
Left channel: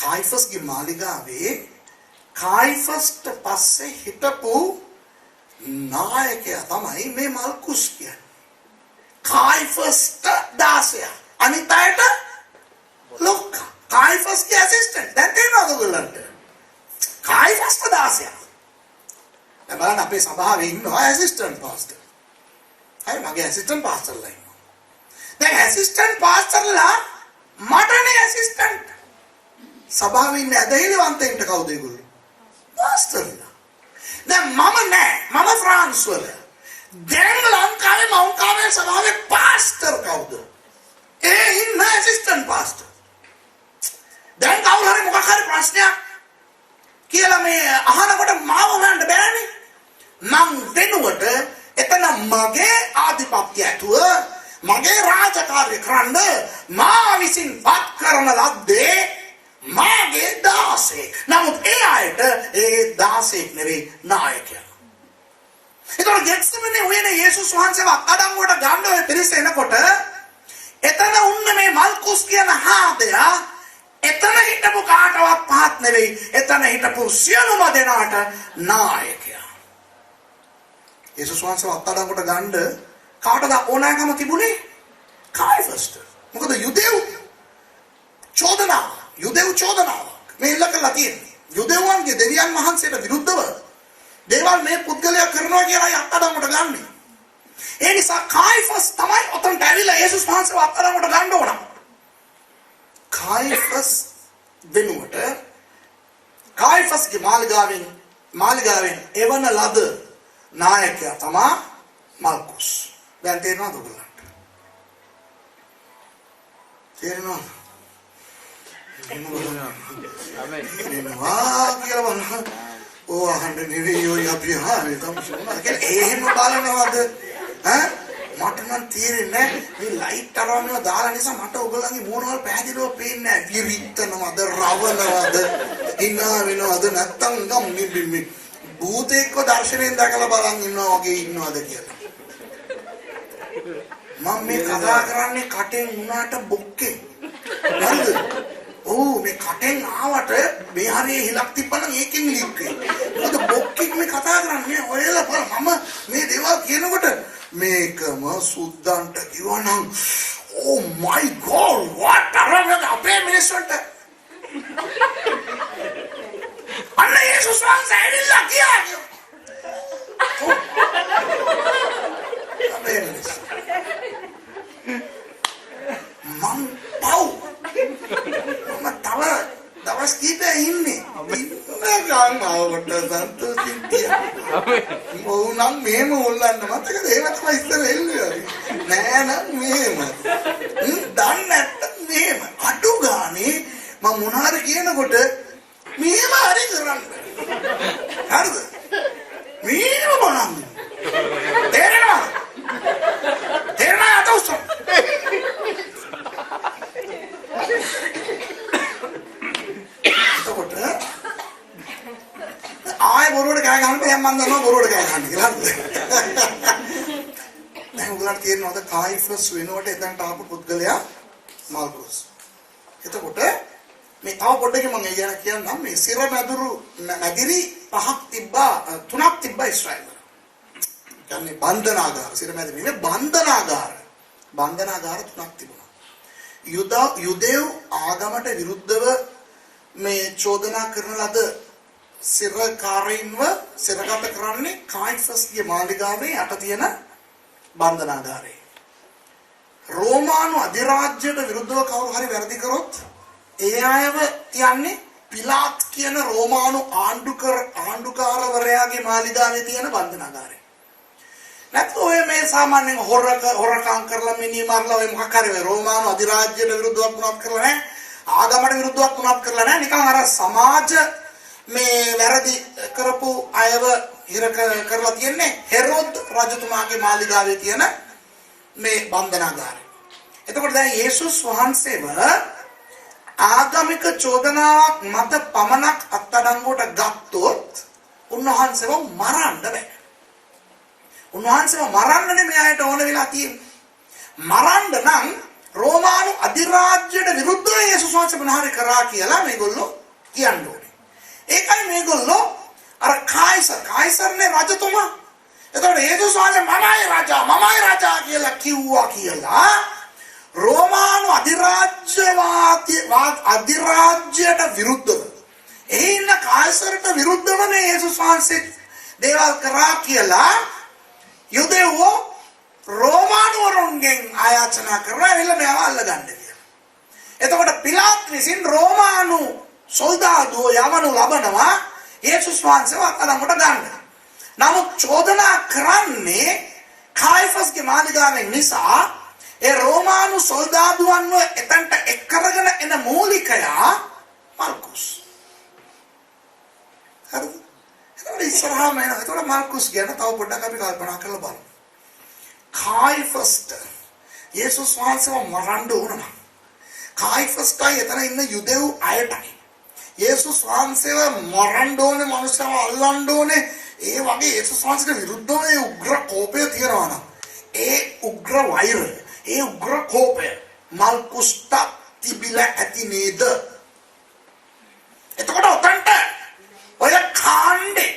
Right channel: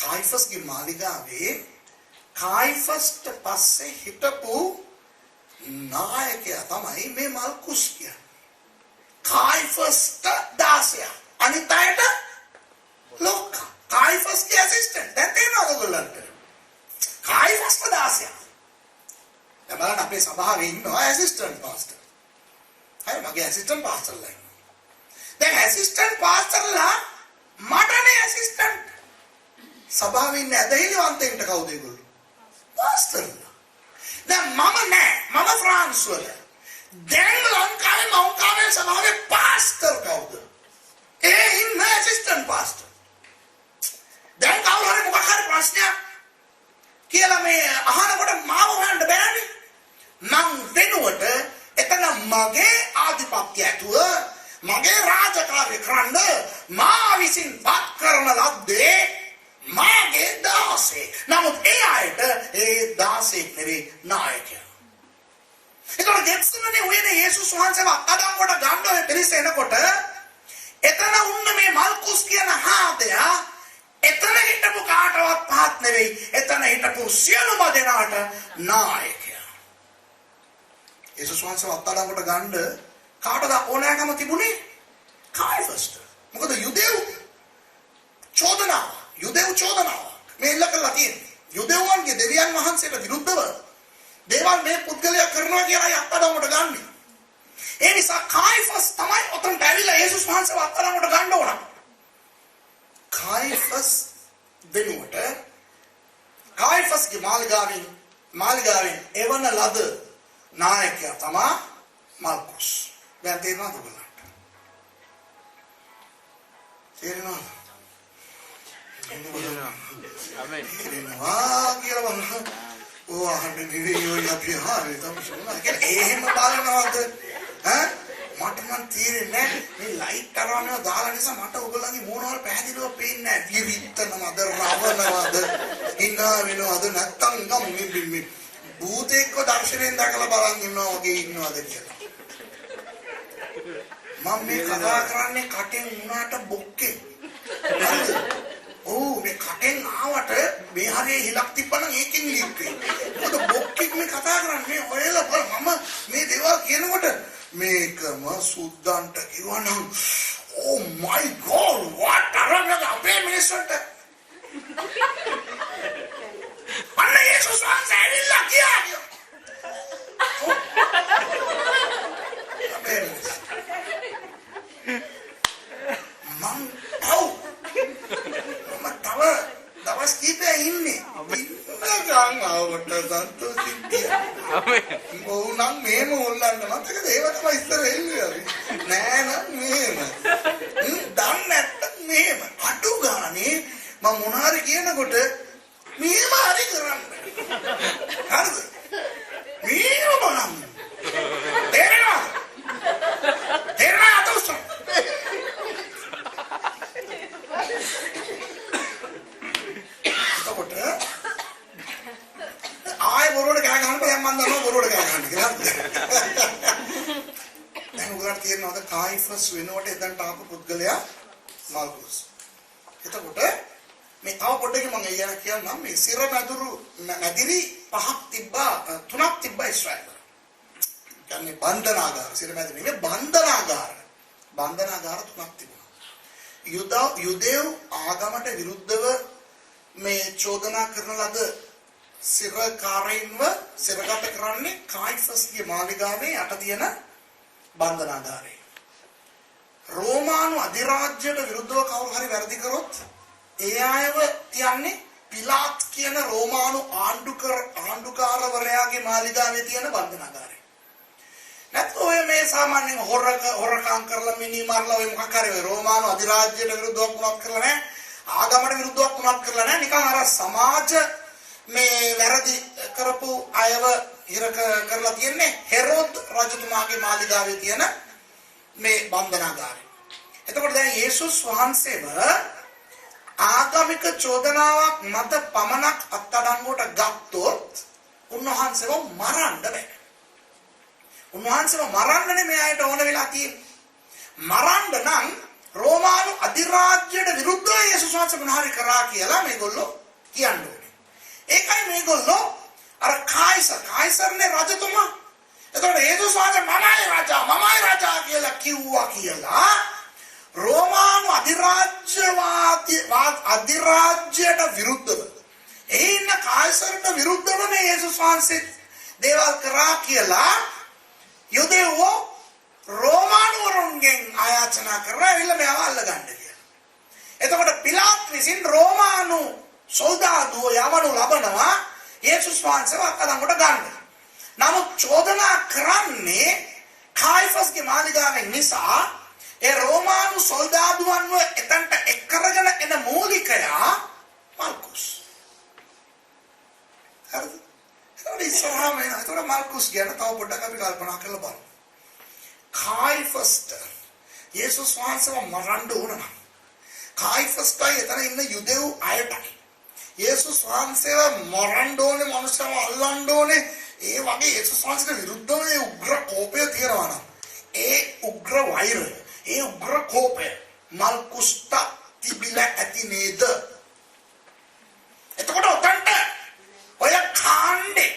කායිෆස්ගේ මාලිගාවේ කායිෆස්ට පස්සේ හිටපු නායකයා තමයි මේ මල්කුස් කියන්නේ. කායිෆස්ට 16. අනිත් අයට ලොක්කා. කායිෆස්ගේ ඇසිස්ටන්ට්. දැන් තේරෙනවද ඔයගොල්ලන්ට? කායිෆස්ට 16. දැන් බලන්න අපේ සභාවේ ඉන්නවා ඇසිස්ටන්ට් පාස්ටර්. හරි මගේ ඇසිස්ටන්ට් පාස්ටර්ලා ඉන්නවා. දැන් ඇසිස්ටන්ට් පාස්ටර්ලා මටනේ ඇසිස්ටන්ට්. සභාවේ ඉන්න ඇදහිලිවන්තයින්ට කවුද ඒගොල්ලෝ? පාස්ටර්ලා. දැන් මම නෑ. මම ෆ්‍රාන්ස් වල. දැන් ලංකාවේ මෞකාවේ සභාවේ පාස්ටර් කවුද? ඒ ඉන්න ඇසිස්ටන්ට් පාස්ටර්. දැන් කවුරු හරි මොකක් හරි ප්‍රශ්නයක් කියලා මේ අහනකොට මාව හොයන්න බෑනේ. මං වෙනුවට එතන මගේ ආධිපත්‍ය ඇතුව මගේ රාජකාරිය කරන්න මා විසින් පත් කරන ලද්දේ මාගේ 16. නමුත් ඒ අයට ඒ 16 නෙවෙයි නායකයා. ඒතකොට ගෙත්සෙමනේ වෙන යේසුස් වහන්සේව අඩංගුවට ගන්න ඔය පිරිස එනකොට එතන උන්න මේ මල්කුස් කියන හාදයා එතන හිටපු කාටවත් පහත් නෙවෙයි. එතන හිටපු සියලුම දෙනාට නායකයා. යේසුස් වහන්සේව අත්අඩංගුවට ගන්න කාටද ඕනෑකම තිබුණේ? කායිෆස්ට. මොකද යුදෙව් චෝදනාව මේ ඉල්ල කළා තියෙන්නේ. යුදෙව්වන්ගේ දෙවියන් වහන්සේට විරුද්ධව දේවල් මේ පුද්ගලයා කරනවා කියලා අත්අඩංගුවට ගන්න. ඒ නිසා කායිෆස් තමයි ඔතනට ඇවිල්ලා යේසුස් වහන්සේව අත්අඩංගුවට ගන්න ඕන. කායිෆස් වෙනුවට කායිෆස්ගේ මාලිගාවෙන් එවන ලද නායකයා තමයි මල්කුස්. දැන් තේරෙනවද ඔයගොල්ලන්ට? තේරෙනවද? ආමෙන්. කියලා බලන්න. ඕ අහන්නේ නෙවෙයි ඔය අපි අහන්නේ තමයි. එහෙම බලනවද? ඈ? මට නම් තේරෙන්නේ මේ ලයිට් අරවනවා දාලා නිසා මට ඔයගොල්ලන්ගේ මෝනවල පැහැදිලිව පේන්නේ නැහැ. කිරිත්තනවද, රවනවද, hina වෙනවද නැත්තම් මේ භූතෙක්ව දර්ශනයෙන් දැකලා බලන් ඉන්නවා වගේ ඉන්නවද කියලා. මම මේ කතා කරන්නේ කටෙන් වුණාට බොක්කේ. ඔව් මේ කටෙන් ආවට මේ හරිය හිලක් තිබ්බනම් ඒකෙන් ලීක් වෙනවා. මොකද බොක්කෙක් මේ කතා කරන්නේ ඔයලා බලන්න මම මේ දේවල් කියනකොට මේකම සුද්දන්ට කිව්වනම් oh my god what තරමද අපේ මිනිස්සුන්ට අන්න යේසුස් වහන්සේ ඇවිල්ලා කියන්නේ. මම තව දවස් කීපයක් ඉන්නේ. ගාමාවට සන්තෝෂින් කියනවා. ඔව් නම් මෙහෙම හොල්ලන්න මතකද? ඒව තමයි ඉස්සර එන්නේ. නෑ නම් මෙහෙම. දන්නේ නැත්තම් මෙහෙම. අඩු ගානේ මම මොනාරි කියනකොට මෙහෙම හරි කරන්න. හරිද? මෙහෙම බලන්න. තේරෙනවද? තේරෙනවද උස්සන්න? ආයෙ බොරුවට කෑ ගන්න බෑ මම දන්නවා බොරුවට කෑ ගන්න කියලා. දැන් උගලට තියෙනවද කායිෆස් වෙනකොට එතනට ආපු පුද්ගලයා මාල්කුස්. එතකොට මේ තව පොඩ්ඩකින් මම කියන්නම් මේ සිර මැදිරි පහක් තිබ්බා තුනක් තිබ්බා ඉස්රායෙල්. කියන්නේ බන්ධනාගාර සිර මැදිරි නේ බන්ධනාගාර තුනක් තිබුණා. යුදෙව් ආගමට විරුද්ධව මේ චෝදනා කරන ලද සිරකාරීන්ව සිරගත කරන්නේ කායිෆස්ගේ මාලිගාවේ යට තියෙන බන්ධනාගාරේ. රෝමානු අධිරාජ්‍යයට විරුද්ධව කවුරු හරි වැරදි කරොත් ඒ අයව තියන්නේ පිලාත් කියන රෝමානු ආණ්ඩුකාරවරයාගේ මාලිගාවේ තියෙන බන්ධනාගාරේ. නැත්නම් ඔය මේ සාමාන්‍යයෙන් හොරකම් කරලා මිනි මරලා ඔය මොකක් හරි රෝමානු අධිරාජ්‍යයට විරුද්ධව වුණත් කරලා නැහැ. ආගමට විරුද්ධව වුණත් කරලා නැහැ. නිකන් අර සමාජ මේ වැරදි කරපු අයව හිර කරලා තියන්නේ හෙරොද් රජතුමාගේ මාලිගාවේ තියෙන මේ බන්ධනාගාරය. එතකොට දැන් යේසුස් වහන්සේව ආගමික චෝදනාවක් මත පමණක් අත්අඩංගුවට ගත්තොත් උන්වහන්සේව මරන්න බෑ. උන්වහන්සේව මරන්න නෙමෙයි ආයත ඕන වෙලා තියෙන්නේ. මරන්න නම් රෝමානු අධිරාජ්‍යයට විරුද්ධව යේසුස් වහන්සේ මොනවාරි කරා කියලා මේගොල්ලෝ කියන්නේ. ඒකයි මේගොල්ලෝ අර කායිසර්නේ රජතුමා. එතකොට යේසුස් වහන්සේ මමයි රජා කියලා කිව්වා කියලා රෝමානු අධිරාජ්‍යයට විරුද්ධව එහි ඉන්න කායිසර්ට විරුද්ධව නේ යේසුස් වහන්සේ දේවල් කරා කියලා යුදෙව්වෝ රෝමානු වරුන්ගෙන් ආයාචනා කරලා එවිල මේව අල්ලගන්න කියලා. එතකොට පිලාත් විසින් රෝමානු සොල්දාදුව යවනු ලබනවා යේසුස් වහන්සේව අත්අඩංගුවට ගන්න. නමුත් චෝදනා කරන්නේ කායිෆස්ගේ මාලිගාවෙන් නිසා ඒ රෝමානු සොල්දාදුවන්ව එතනට එක් කරගෙන එන මූලිකයා මාල්කුස්. හරිද? ඒක ඉස්සරහම එනවා. ඒක මාල්කුස් ගැන තව පොඩ්ඩක් අපි කල්පනා කරලා බලමු. කායිෆස්ට යේසුස් වහන්සේව මරන්න ඕන නම් කායිෆස්ටයි එතන ඉන්න යුදෙව් අයටයි යේසුස් වහන්සේව මරන්න ඕනේ මනුස්සයව අල්ලන්න ඕනේ ඒ වගේ යේසුස් වහන්සේට විරුද්ධව ඒ උග්‍ර කෝපය තියෙනවා නම් ඒ උග්‍ර වෛරය ඒ උග්‍ර කෝපය මල්කුස්ට තිබිලා ඇති නේද? එතකොට උතන්ට ඔය කාණ්ඩේ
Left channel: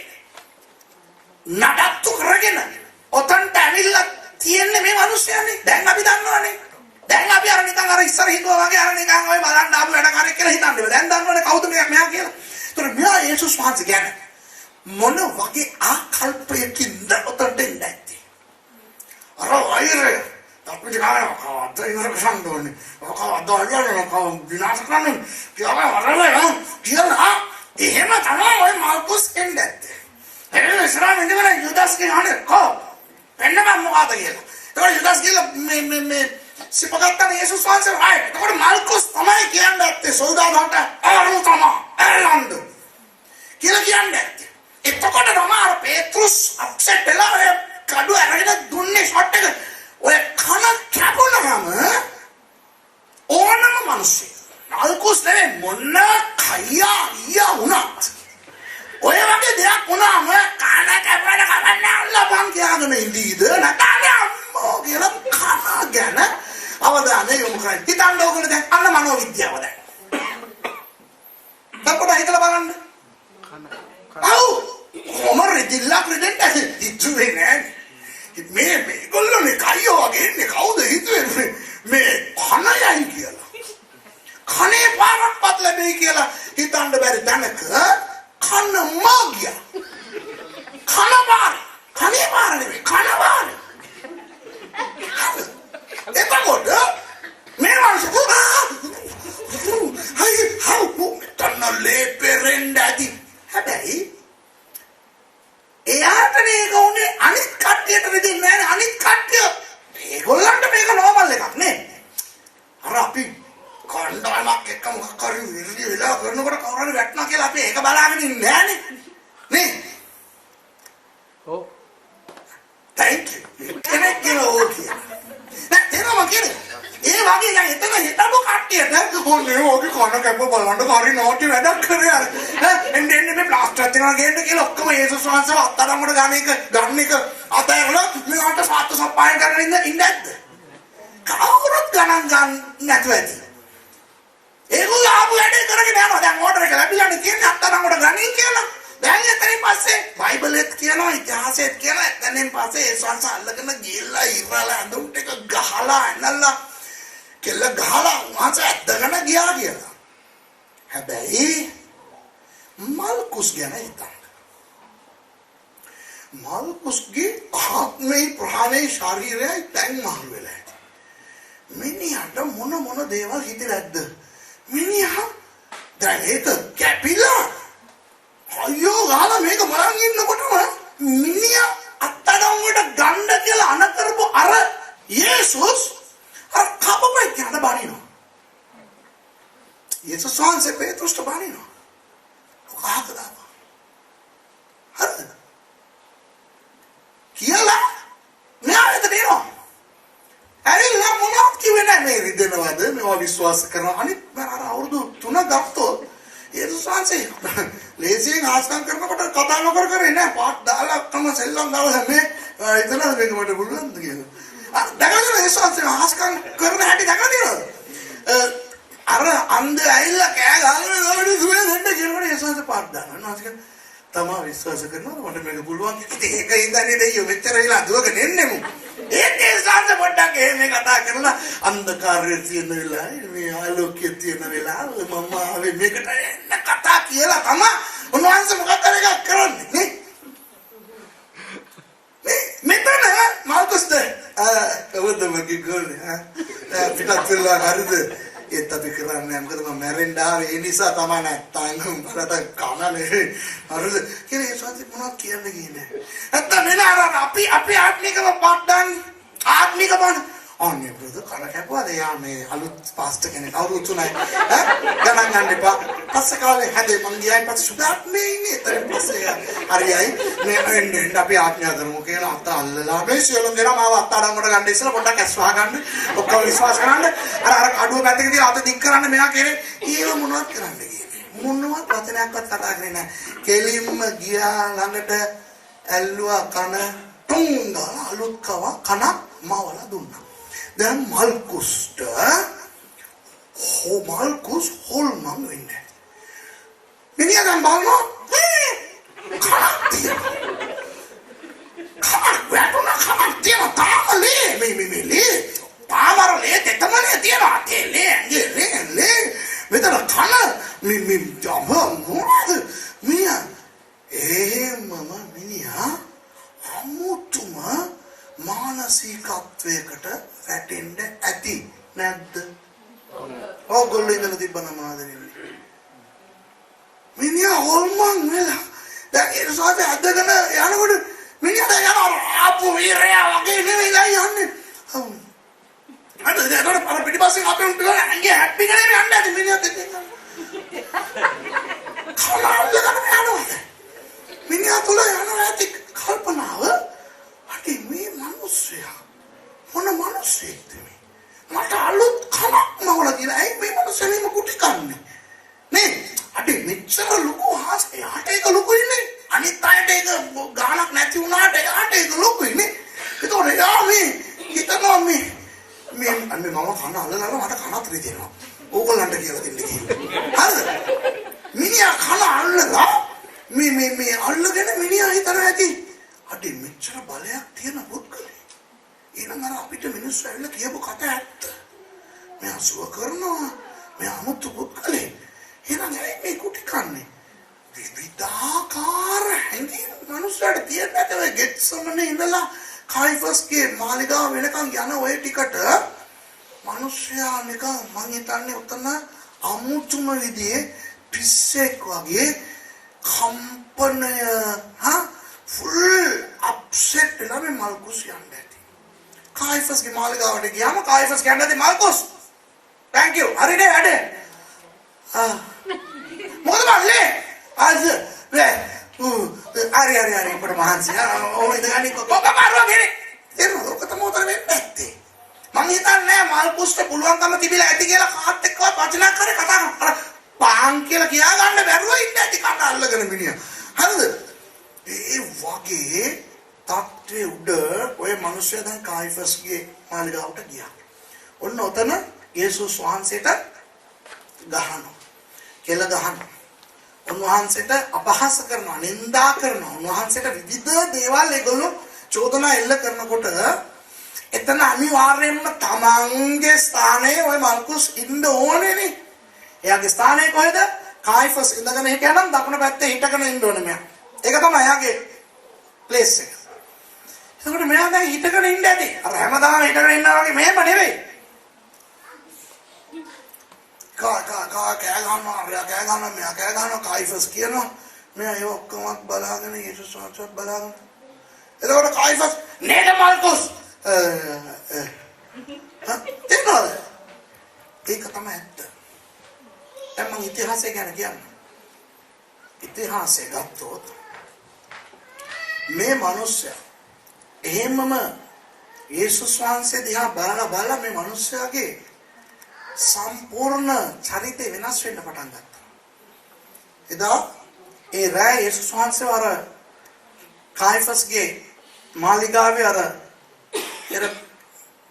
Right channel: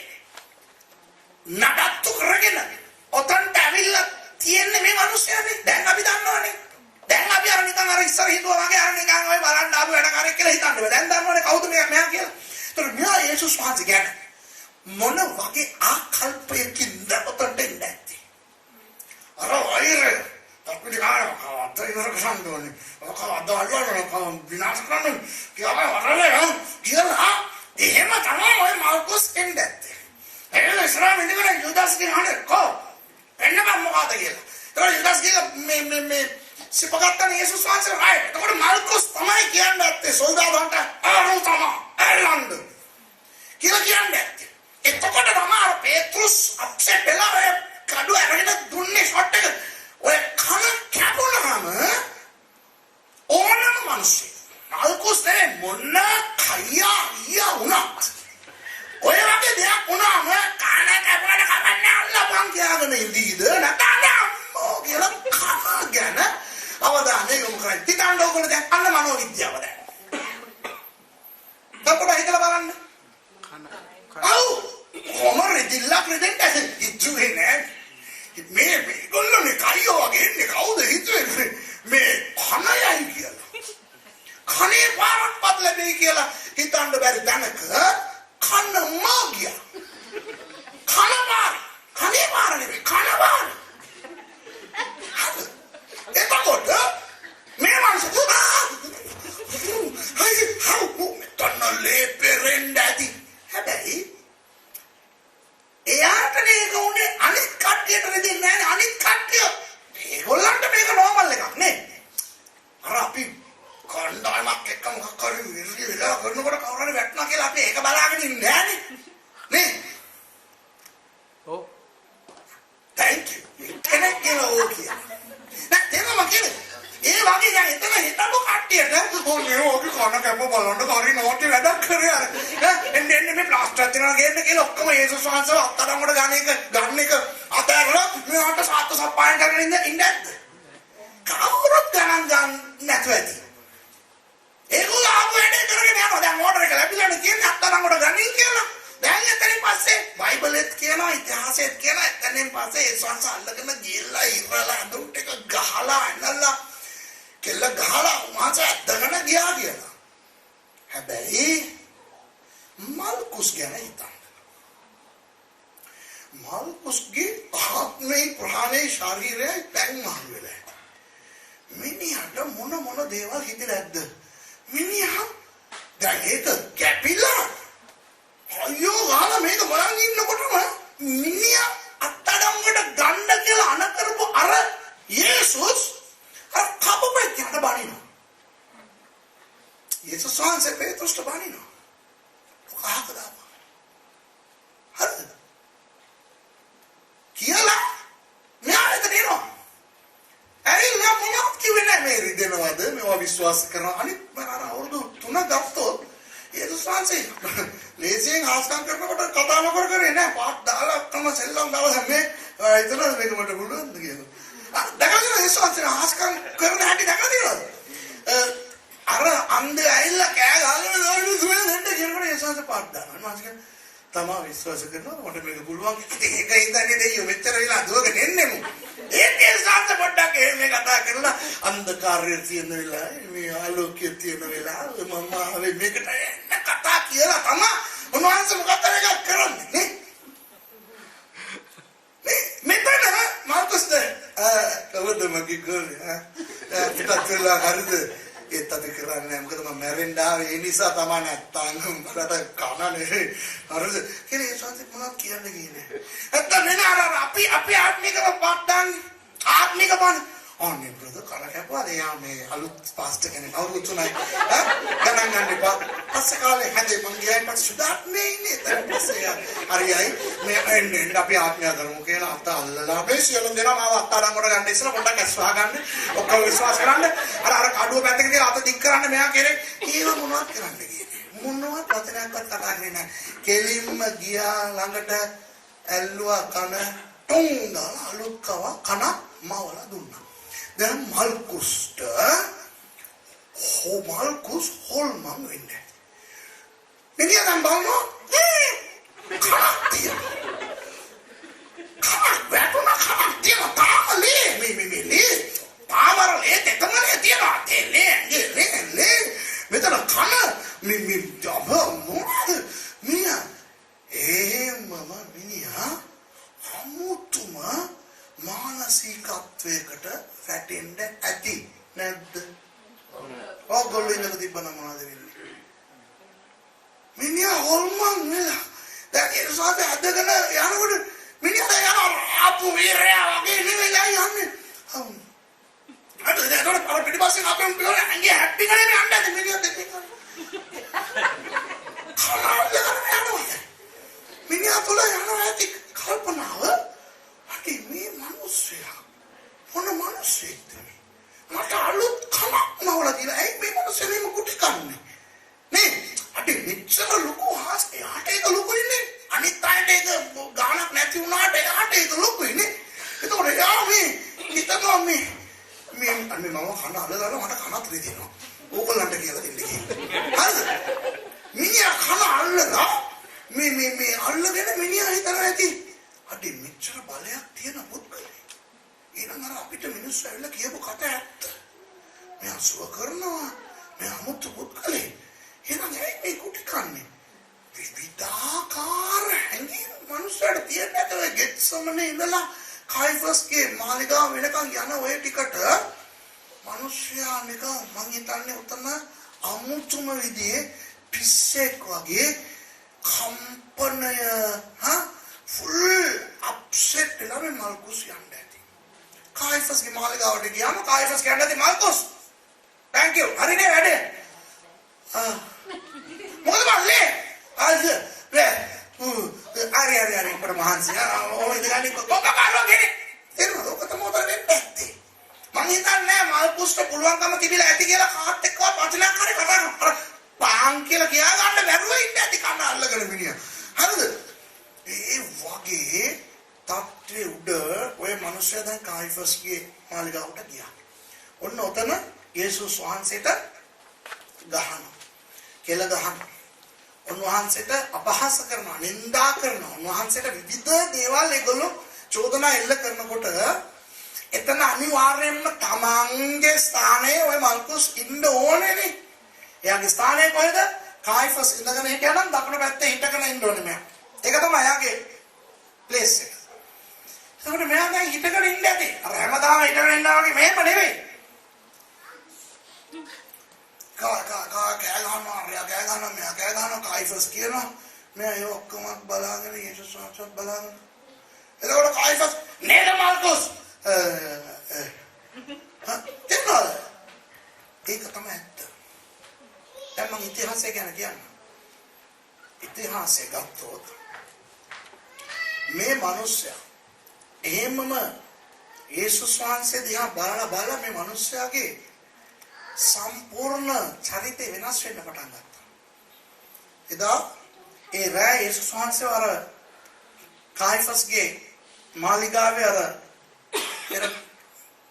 නඩත්තු කරගෙන උතන්ට ඇවිල්ලා තියන්නේ මේ මිනිස්සුන්නේ. දැන් අපි දන්නවනේ. දැන් අපි අර නිකන් අර ඉස්සර හිතුවා වගේ අර නිකන් ඔය බලන්න ආපු වැඩකාරයෙක් කියලා හිතන්නේ. දැන් දන්නවනේ කවුද මෙයා කියලා. ඒතර මෙයා යේසුස් වහන්සේ ගැන මොන වගේ ආකල්පයකින්ද උතන්ට ඉන්නේ? අර වෛරය අපිට කවදාවත් ඉවර කරන්න ඕනේ. කවදාවත් විනාශ කරන්න කියලා එහෙම තමයි ඔය මාල්කුස් එන්නේ. ඒ ඉස්සරහ ඉඳගෙන යුදාස්ගේ හානේ කො එන්නම මොකද කියලා. ඒක යුදාස් කියලා මේ සිපගත්තා යේසුස් වහන්සේ රයි. ඒකට මාල්කුස් තමයි කියන්නේ සොල්දාදුන්ට අරු තමයි එල්ලන්ද කියලා කියන්නේ. එතකොට තමයි අර පේත්‍රුස් අප්සෙට් වෙලා ඔය කඩුව අරගෙන දුන්නේ ෂොට් එක. ඔය කන කැපුණාම ඕනම මිනිස්සු මාල්කුස් නේ මොන කයියා වුණා. ඔය වගේ දෙයක් වුණාම කන කැපල කමන්නේ අල්ලපන් කියලාගෙන ඉඳීද නැත්නම් අම්මෝ කියලා කන ගැන අවධානය යොමු කරන්න. හිතන්න ඕගොල්ලෝ දැන් අන්න මනෝවිද්‍යාව දැන්. තපොට හිතලා බලන්න. ආව් කොමර ජිල්ලා ප්‍රෙසිඩන්ට් හිතුවේ නෑ. මේගොල්ලෝනේ කයියෝ වගේ ඉන්නේ කවුද හිතුවේ මේ කනයයි කියලා. කනේ පාරක්වත් ලැබෙයි කියලා හිතන්න බැරි තැනක කන මාගිය. කන පාර. කනේ පාර නෙවෙයි කන පාර. එතකොට මේ වන්සුනා හයි හවු තනලේ පෙරෙන්ඩාති හැබැයි එයාට මේක උනේ අනිත් කට්ටියට දෙන්නේ නැහැ අනිත් කට්ටිය ඒගොල්ලන්ට මේක නෝමල් එකක් නේ අර අපි කණ්ඩායමක් එක්ක මොකක් හරි විරි වෙලා කරනකොට කවුරුහරි වැටෙනවා කියලා අපි ඒක බලාගෙන ඉන්නේ නැහනේ නේ ඔව් thank you කෙනෙක් කියලා ඕකේ නෑ එනවා කියන්නේ ඒ වගේ දැන් එතන හිටපු කට්ටියට ඕනේ ඕකේ කන කැප බලන්න හරි නෝටි වැඩක් කරේ අර එන්නේ මේ ප්ලාස්ටර් තියනවා ගේන්න කියලා ඔක්කොම යේසුස් වහන්සේව අත්අඩංගුවට ගන්න එක අතහැරලා මේකට සාත්තු සප්පාය කරගෙන ඉන්නේ නැද්ද කවුරුත් ගණන් ගන්න නැතුව ඇති ඒගොල්ලෝ ආපු වැඩේ කරගෙන යනවා දැන් ඕඩර් එක ලැබිලානේ තියෙන්නේ අත්අඩංගුවට ගනින් කියලා දැන් එතනින් පස්සේ බයිබලෙත් කියනවා ඉතිහාසෙත් කියනවා එතනින් පස්සේ ඒ සංස අල්ලගෙන ගිහිල්ලා ඉරලා අඳුම් ටික ගහලා ඇනලා කෙල්ල ගහලා මාස ඇද්දගෙන ගියා කියලා. හැබැයි මල්කුස් ගැන හිතන්න. මල්කුස්ගේ ආත්මේ ප්‍රාණේ ශරීරයයි දැන් මහලු වෙලා. මිනිහට මොන දේවල් හිතේ නැද්ද? මිනිහා දැන් ඒක කැපිලා අයියෝ ගාලා මේක බලන් ඉන්නකොටම මිනිහා අත්අඩංගුවට ගන්න කියලා අන කරපු අර යේසුස් අර කපපේ යන බණිනවා. යේසුස් වහන්සේ පේතුස්ට බණිනවා. කොහොමද? හරිද? කියලා මෙයාට දෙනවා. ඇරිලා මොනවද කිව්වේ නැහැ මේ රිදෙනවද මේවා විශ්වාස කරනවා. අනිත් අර අවුරුදු 3 ගත්තොත් යේසුස් වහන්සේ ලේසියෙන් ආස්කම් කරනකොට කතා නොකර කරේ නෑ පාත් දාලා තම සෙල්ලම් දාලා මේ ඉතන වෙනකොට පුළුවන්ද කියලා. දැකලා යේසුස් වහන්සේ ආස්කම් කරන හැටි දැකලා අර අන්ධ ඇවිල්ලා කෑ ගහනවා දුවේ දෙන්න කියනකොට යේසුස් වහන්සේ පාත් දානවා. නාසිකෙන් තමා විශ්වාස කරනවා මට මේක පුළුවන්. ඒක ඉඳන්නේ දෙයියෝ මෙච්චර වෙලා දුවගෙන එන්නේ මු. ඒකේ සාංශ පොඩ්ඩක් එහෙම කතා කරලා අන්ධකාරයේ තියෙන වෙලාවේ මේ ආලෝකයේ තියෙන වෙලාවේ මම ආවේ මේකට එන්න කතා කියලා තමයි උන්වහන්සේ මොකක්ද එකක් කරන්නේ නේ මෙතන මාල්කුස්ද කවුද මගේ ගෝලේ පිටත් වෙලා හරිද ඒත් අපි කරන්නේ මොකද මම මැරෙන්න ආවේ ඒ නිසා තමයි නැත්තම් මට කනනේ හරිද කියලා ඒසත් මොනවද කියන්නේ කියන්නේ නැත්තම් වෙන අර අපි ආත්මිකව පඩන්නේ ආත්මික බණ ඕනේ බ්‍රදර් කන කැපුවාද යා මේ අලුත් පාස්ටර් කෙනෙක් අවුරුදු 3යි ගණන් ගන්න එපා පස්සේ කාලේ හැදේ මං ගියායින් පස්සේ සුදාත් මේ ඉන්නේ ඒතර පස්සේ හරියයි මේ එන්නේ අපි ආත්මය කරමු කියලා අත අල්ලලා මේ සියලුම දෙනා මාව අත අඩංගුවට ගන්න ඉස්සර පොඩ්ඩක් ඇස් වහ ගන්න ඔක්කොම විශ්වාස කරන්න අර කඩුව පැත්තක තියලා අත දික් කරන්න මෙයා කෙරේ කියලා මොනවද කරන්නේ මොනවද වචනයක්වත් කතා කරන්නේ නැහැ කෙලින්ම ගියා ළඟට ඇල්ලුවා කන ටුන් දාලා අලුත් කන මවලා දුන්නා දැන් මල්කුස්ට මල්කුස් හොල්මන් වෙන්නේ මිනිහා නම් බලනවා කනක් තියෙනවා කනක් වැටුණා කනක් තියෙනවා තාමලේ මේ ලේ පාවරලේ තෙතමනේ තියෙනවා තෙලේ ලේ මෙතන කන මේ ජම්බෝ මිනිහා මිනිහා අමුතුම මානසිකත්වයකට වැටෙන්න ඇති නැද්ද? ඕගොල්ලෝ ඉඳලා තිබ්බන මාදෙන්නේ. මිනිහා හොල්මන් වෙලා. දැන් ඒ සෝත ඇදගෙන යනකොට මිනිහා යනවා ආපු වීරයා වගේ නෙවෙයි යන්නේ. අද දැන් අර පිටිපස්සේ අපේ උන්ට අංගේ හැප්පි ගන්නේ යන්නේ මිනිහා දෙකෙන්. කලාවල යනවා. මිනිහා තුල යනවා ඇති කල්පනාව. අටි මේ මිනිස්සයා මොන මිනිස්සෙක්ද මේ? මට අලුත් කමක් නෝලා කියලා. ඇයි මේ මිනිස්සෙ මේ කුටි කන්නේ? නේ? අට අඩේ මෙච්චර ලොකු හාස්කේ යාට ඒක ලොකු ඉන්නේ. අනිත් අයට ඒක ගානක් නැති වුණාට යාට ඒක ලොකු ඉන්නේ. ඒතකොට යා මේ හිතනවා මේ අන්නේ මම කන අල්ලලා මට කනත් රිදෙනවා. ඕගොල්ලන්ට කියලා දෙන්න කියලා. හරිද? මිනිහා කන අල්ලලා මේ අල්ලගෙන මිනිහා හිතන ඇති. අඩේ මෙච්චර බලයක් තියෙන පුද්ගලෙක්. ඊළඟ අර අපිට මිනිස්සු ඇවිල්ලා කියපු කතා ඇත්ත. මේ අසුව කරනවා. මේ අමුතු පුද්ගලෙක්. එහෙනම් මේ කුටි කන්නේ. විවිධාකාර හැඟීම් මනුස්සයාට තියෙන්නට ඔය ගෙට්සමනේ ඉඳලා කායිෆස්ගේ මාලිගාව වෙනකන් යන ඔය ටිකට මනුස්සයා නිකන් මං හිතන්නේ උතන අමුතුම විදිහේ පිස්සෙක් වගේ කම්පනය ෆුල් අප්සෙට් වෙලා මේ මල්කුස් යන්නේ. කායිෆස්ගේ මාලිගාවට ගියාම කායිෆස් කියන්නේ මල්කුස් thank you හරිනේ වැඩේ. මොකද මල්ලේ අද අර අපර මහන්සි ඔය ඉඳගන්නේ කොක්ක කරනවා කියන්නේ ඒක තමයි නැත්තේ. මං හිතන්නේ මල්කුස්ට පුළුවන්කම තිබිලා ඇති කියලා කාත් එක්කවත් වචනයක් හරි කතා කරනවා. පාන් කියලා කියා ගන්න බැරුව ඉන්නේ ඇති කන්න අල්ලගෙන මිනිහා. හරිද? ඒ වගේ තත්ත්වයේ උඩ ඔය මිනිස්සු දැන් කායිෆස්ගේ මාලිගාවට ගියා. ඔන්න ඔතන යේසුස් වහන්සේට ගහනවා. කෙල ගහනවා. උන්වහන්සේට අපහාස කරනවා, නින්දා කරනවා. උන්වහන්සේට විවිධ දේවල් ඒගොල්ලෝ චෝදනා එල්ල කරනකොට එතන අනිවාර්යයෙන්ම තමන්ගේ ස්ථානයේ ওই මල්කුස් ඉන්න ඕනේනේ. එයාගේ ස්ථානය කොහෙද? කායිෆස් ඉඳගෙන හිටියනම් දකුණු පැත්තේ හිටගෙන ඉන්න ඕනේ මෙයා. ඒක තමයි එයාගේ ප්ලේස් එක. ඒකට මෙයා දැන් හිටගෙන ඉන්න ඇති. අර හැමදාම හිටගෙන ඉන්නා වගේ මෙහෙම නෙවෙයි. කෑ ගන්නවා කායිෆස් කියනවා මෙයා ඒ ඔක්කොම බලාගෙන යේසුස් වහන්සේත් බලාගෙන එතකොට කායිෆස් නේද මල්කුස් තේනවද? ඒක තමයි ඇත්ත. දැන් මම ඉතිහාසය ගැන කියන්නේ. ඉතිහාසය ගත්තොත් මේ මිනිස්සයා එහෙමම යේසුස් වහන්සේ දිහා බලලා මේ මිනිස්සයාගේ සම්පූර්ණ චරිතය වෙනස් වෙන්න පටන් ගත්තා. එදා ඒ රෑ යේසුස් වහන්සේ අර කායිෆස්ගේ මාලිගාවේ අර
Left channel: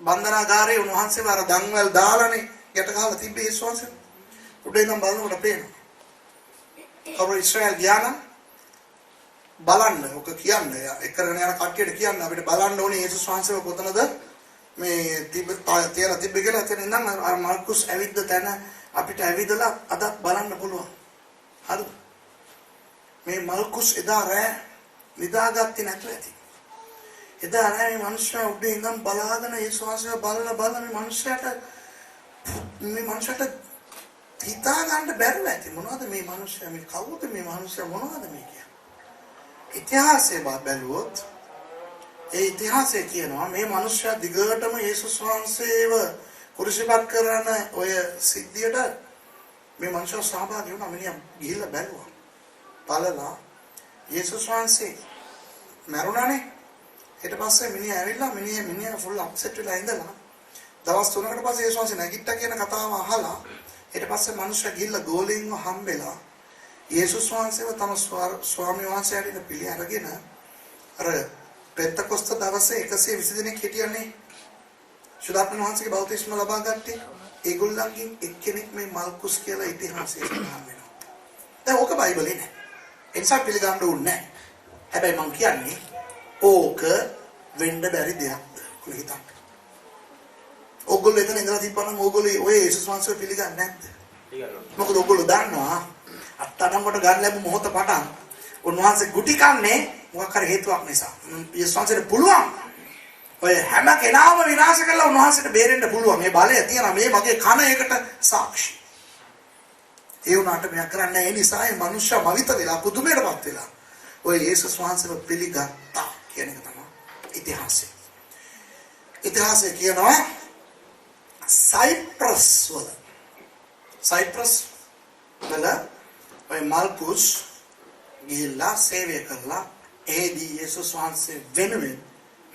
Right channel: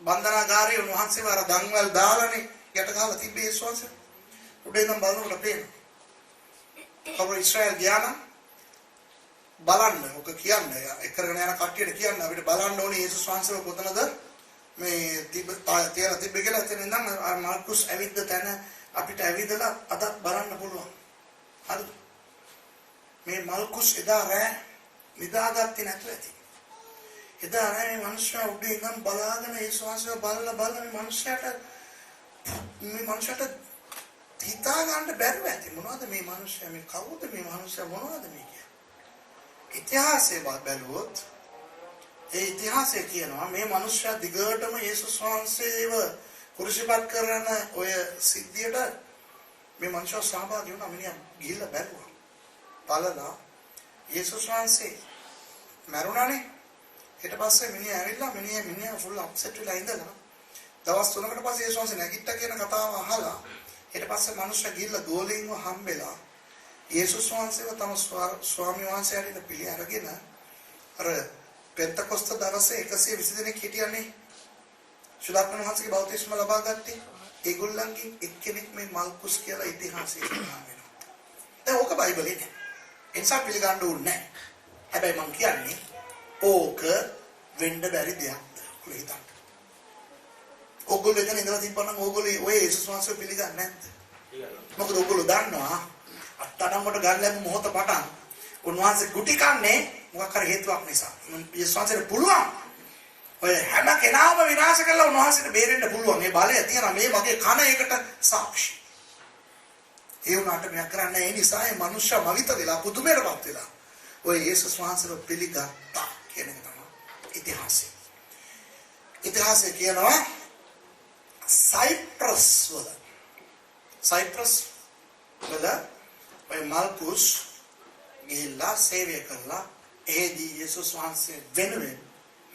බන්ධනාගාරයේ උන්වහන්සේව අර දන්වැල් දාලානේ යට ගහලා තිබ්බේ යේසුස් වහන්සේ. උඩේ ඉඳන් බලනකොට පේනවා. කවුරු ඉස්රායල් ගියා බලන්න ඔක කියන්නේ එකරගෙන යන කට්ටියට කියන්න අපිට බලන්න ඕනේ යේසුස් වහන්සේව කොතනද මේ තියලා තිබ්බ කියලා එතන ඉඳන් අර මාර්කුස් ඇවිද්ද තැන අපිට ඇවිදලා අද බලන්න පුළුවන්. හරි. මේ මාර්කුස් එදා රෑ නිදාගත්තේ නැතුව ඇති. එදා රෑ මේ මිනිස්සු උඩින් ඉඳන් බලාගෙන යේසුස් වහන්සේව බලලා මේ මිනිස්සුන්ට හිතා ගන්න බැරුව ඇති. මොනවද මේ මිනිස්සු මේ කවුද මේ මිනිස්සු මොනවද මේ කියන්නේ? ඉතිහාසයේ බැලුවොත් ඒ ඉතිහාසය කියනවා මේ මිනිස්සු දිගටම යේසුස් වහන්සේව කුරුසිපත් කරන ඔය සිද්ධියට මේ මිනිස්සු සහභාගී වුණා. මිනිහා ගිහිල්ලා බැලුවා. බලලා යේසුස් වහන්සේ මරුණානේ. ඊට පස්සේ මිනිහා ඇවිල්ලා මිනිහා ෆුල් අප්සෙට් වෙලා ඉඳලා දවස් 3කට පස්සේ යේසුස් වහන්සේ නැගිට්ටා කියන කතාව අහලා ඊට පස්සේ මිනිස්සු ගිහිල්ලා ගෝලීන්ව හම්බෙලා යේසුස් වහන්සේව තම ස්වාමීන් වහන්සේට පිළි අරගෙන අර පෙන්තකොස්ත දවසේ 120 දෙනෙක් හිටියන්නේ. ශුද්ධාත්ම වහන්සේගේ බෞතිස්ම ලබා ගත්තේ ඒගොල්ලන්ගෙන් එක්කෙනෙක් මේ මල්කුස් කියලා ඉතිහාසයේ සඳහන් වෙනවා. දැන් ඕක බයිබලේ නෑ. ඒ නිසා පිළිගන්න ඕනේ නෑ. හැබැයි මම කියන්නේ ඕක වෙන්න බැරි දෙයක්ද කියලා හිතන්න. ඕගොල්ලෝ එතන ඉඳලා තිබ්බනම් ඕගොල්ලෝ ඔය යේසුස් වහන්සේව පිළිගන්නේ නැද්ද? මොකද ඕගොල්ලෝ දන්නවා අත්තනකට ගන්න ලැබු මොහොත පටන් උන්වහන්සේ ගුටි කන්නේ මොකක් හරි හේතුවක් නිසා. යේසුස් වහන්සේට පුළුවන් ඔය හැම කෙනාම විනාශ කරලා උන්වහන්සේට බේරෙන්න පුළුවන්. මේ බලය තියෙනවා. මේ මගේ කන ඒකට සාක්ෂි. ඒ වුණාට මෙයා කරන්නේ ඒ නිසා මේ මනුෂ්‍ය මවිත වෙලා පුදුමයටපත් වෙලා ඔය යේසුස් වහන්සේව පිළිගත්තා කියන එක තමයි ඉතිහාසය. ඉතිහාසය කියනවා සයිප්‍රස් වල ඔය මල්කුස් ගිහිල්ලා සේවය කරලා එහිදී යේසුස් වහන්සේ වෙනුවෙන්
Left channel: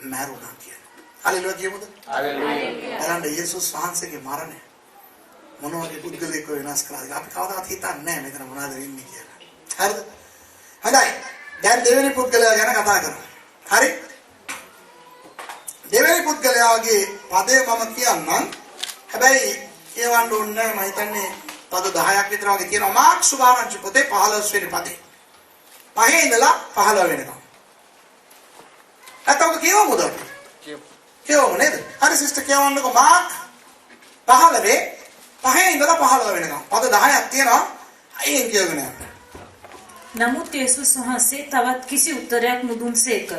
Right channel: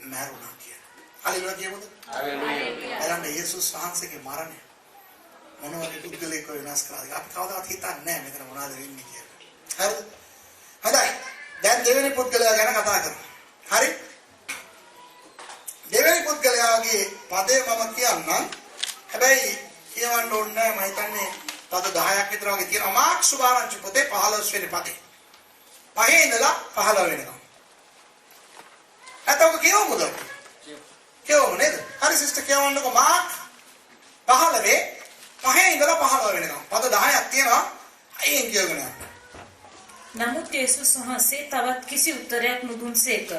මැරුණා කියලා. හalleluya කියමුද? හalleluya. එහෙනම් යේසුස් වහන්සේගේ මරණය මොන වගේ පුද්ගලයෙක් වෙනස් කරාද අපි කවදාවත් හිතන්නේ නැහැ මෙතන මොනවද වෙන්නේ කියලා. හරිද? හොඳයි. දැන් දෙවෙනි පුද්ගලයා ගැන කතා කරමු. හරි? දෙවෙනි පුද්ගලයාගේ පදේ මම කියන්නම්. හැබැයි කියවන්න ඕනේ මම හිතන්නේ පද 10ක් විතර වගේ තියෙනවා. මාර්ක් සුභාරංචි පොතේ 15 වෙනි පදේ. 5 ඉඳලා 15 වෙනකම්. අතෝක කියවමුද? කියවමු නේද? හරි සිස්ටර් කියවන්නකෝ මාර්ක් 15 5 ඉඳලා 15 වෙනකම්. පද 10ක් තියෙනවා. අයියෙන් කියවගෙන යන්න. නමුත් යේසුස් වහන්සේ තවත් කිසි උත්තරයක් නොදුන්සේක.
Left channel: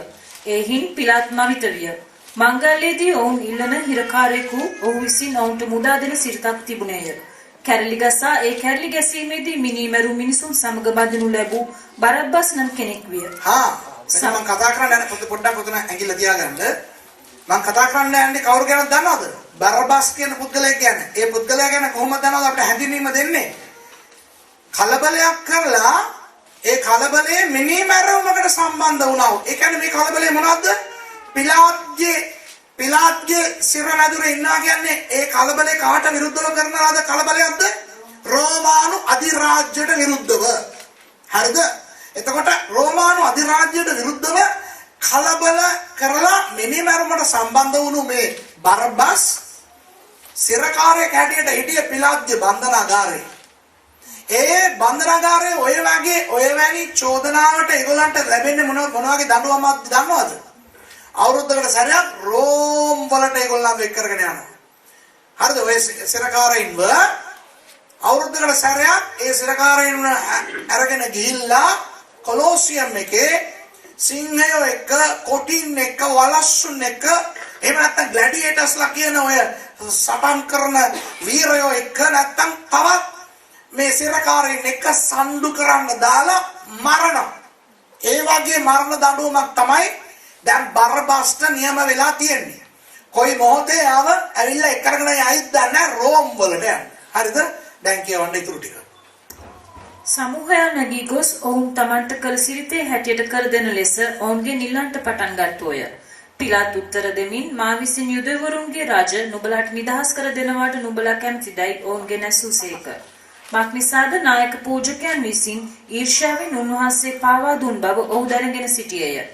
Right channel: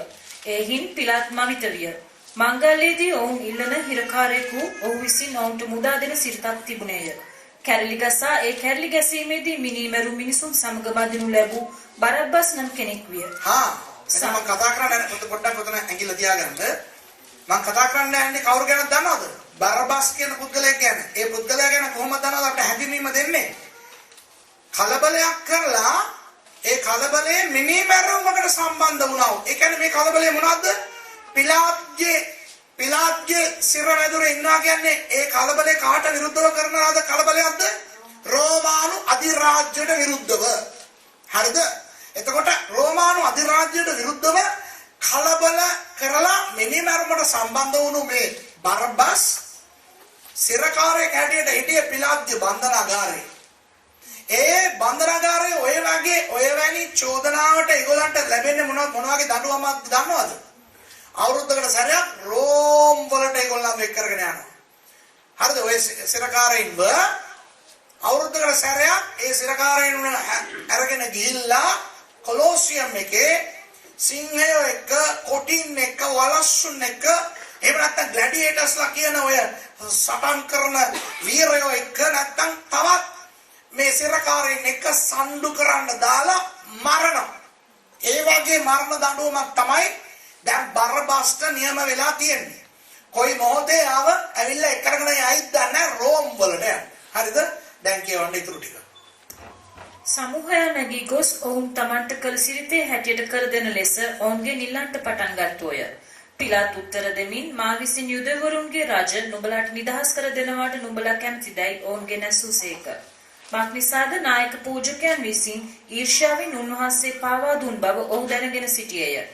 එහින් පිලාත් මවිත විය. මංගල්‍යයේදී ඔවුන් ඉල්ලන හිරකාරයෙකු ඔහු විසින් ඔවුන්ට මුදා දෙන සිරිතක් තිබුණේය. කැරලි ගසා ඒ කැරලි ගැසීමේදී මිනිමරු මිනිසුන් සමග බඳිනු ලැබූ බරබ්බස් නම් කෙනෙක් විය. මම කතා කරන්න පොඩ්ඩක් උතන ඇඟිල්ල තියාගන්න. මම කතා කරන්න යන්නේ කවුරු ගැනද දන්නවද? බරබ්බස් කියන පුද්ගලයෙක් ගැන. ඒ පුද්ගලයා ගැන කොහොමද දන්නවද අපිට හැඳින්වීම දෙන්නේ? කලබලයක් කරලා ඒ කලබලයේ මිනිමරුවකට සම්බන්ධ වුණා. ඒ කියන්නේ මේ කලබලය මොනවද? පිලාත්ගේ සිර වැදුරේ ඉන්නවා කියන්නේ ඒ කලබලේ කාට විරුද්ධව කරනවාද කලබලයක්ද? රෝමානු අධිරාජ්‍යයට විරුද්ධව. හරිද? එතකොට රෝමානු අධිරාජ්‍යයට විරුද්ධව කලබල කරලා මිනිමරුවකට සම්බන්ධ වුණු මේ බරබ්බස් සිරකාරයෙක් හැටියට හිටිය පිලාත්ගේ බන්ධනාගාරේ. ඒ බන්ධනාගාරයේ ඔය වැනි චෝදනාවට ඒගොල්ලන්ට ලැබෙන්නේ මොන වගේ දඬුවමක්ද දන්නවද? අවුරුද්දකට සැරයක් රෝම් වලට ඒගොල්ලන් එක් කරගෙන යනවා. හරිද? ඔය සිරකාරයින්ව අවුරුද්දකට සැරයක් ඒ සිරකාරයින්ව අරගෙන ගිහිල්ලා කොලොසියම් එකේ සිංහයෝ එක්ක, කොටින් එක්ක, වලස්සුන් එක්ක, එහෙම නැත්නම් ග්ලැඩියේටර්ස්ලා කියන ඔය සටන් කරන වීරයෝ එක්ක නැත්නම් තවත් මේ සිරකාරයින් එක්ක සම්ඩු කරන්න දාලා මරනවා. ඒ වගේ මරණ දඬුවමක් තමයි දැන් බරබස්ට නියම වෙලා තියෙන්නේ. කොයි මොහොතේ ආව ඇවිල්ලා එක් කරගෙන යයිද නැහැ රෝම් වලට යන්න. හරිද? දැන් කියවන්න ඉතුරු ටික. සමූහයා නැගී ගොස් ඔවුන් තමන්ට කළ සිරිතේ හැටියට කර දෙන ලෙස ඔවුන්ගේ නිල්ලන්ට පටන් ගත්තෝය. පිලාත් උත්තර දෙමින් මා විසින් යුදෙවරුන්ගේ රජ නුඹලාට නිදහස් කර දෙනවාට නුඹලා කැමතිදයි ඔවුන්ගේ නැසූසේක. මක්නිසාද නායක පූජකයන් විසින් ඊර්ෂ්‍යාවෙන් උන්වහන්සේ පාවා දුන් බව ඔහු දැනගෙන සිටියේය.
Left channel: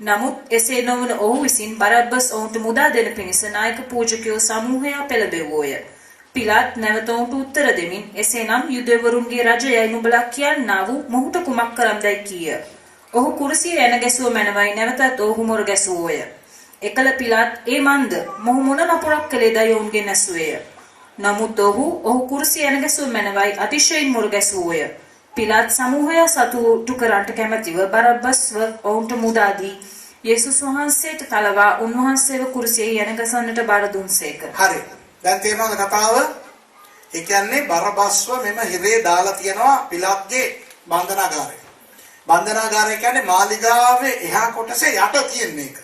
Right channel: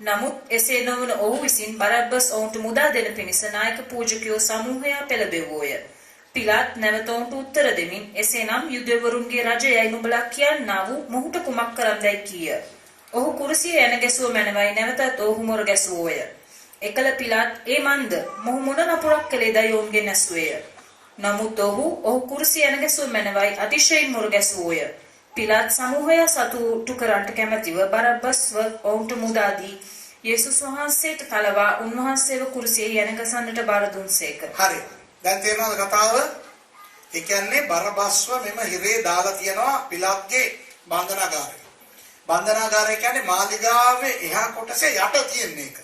නමුත් එසේ නොවන ඔහු විසින් බරබ්බස් ඔවුන්ට මුදා දෙන පිණිස නායක පූජකයෝ සමූහයා පෙළඹෙව්වෝය. පිලාත් නැවත ඔවුන්ට උත්තර දෙමින් එසේනම් යුදෙවරුන්ගේ රජයයි නුඹලා කියන්නා වූ මොහුට කුමක් කරන්නයි කීය. ඔහු කුරුසියේ එන ගැසුව මැනවයි නැවතත් ඔහු මොර ගැසුවෝය. එකල පිලාත් ඒ මන්ද මොහු මොන නපුරක් කළේදයි ඔවුන්ගේ නැසුවේය. නමුත් ඔහු කුරුසියේ එන ගැසුව මැනවයි අතිශයින් මොර ගැසුවෝය. පිලාත් සමූහය සතුටු කරන්නට කැමැතිව බරබ්බස්ව ඔවුන්ට මුදා දී යේසුස් වහන්සේට තලවා උන්වහන්සේව කුරුසියේ යන ගසන්නට බාර දුන්සේක. හරි. දැන් තේරෙනවද කතාව? ඒ කියන්නේ බරබස්ව මෙම හිරේ දාලා තියනවා පිලාත්ගේ බන්ධනාගාරේ. බන්ධනාගාරය කියන්නේ මාලිගාවේ එහා කොටසේ යට තියෙන එක.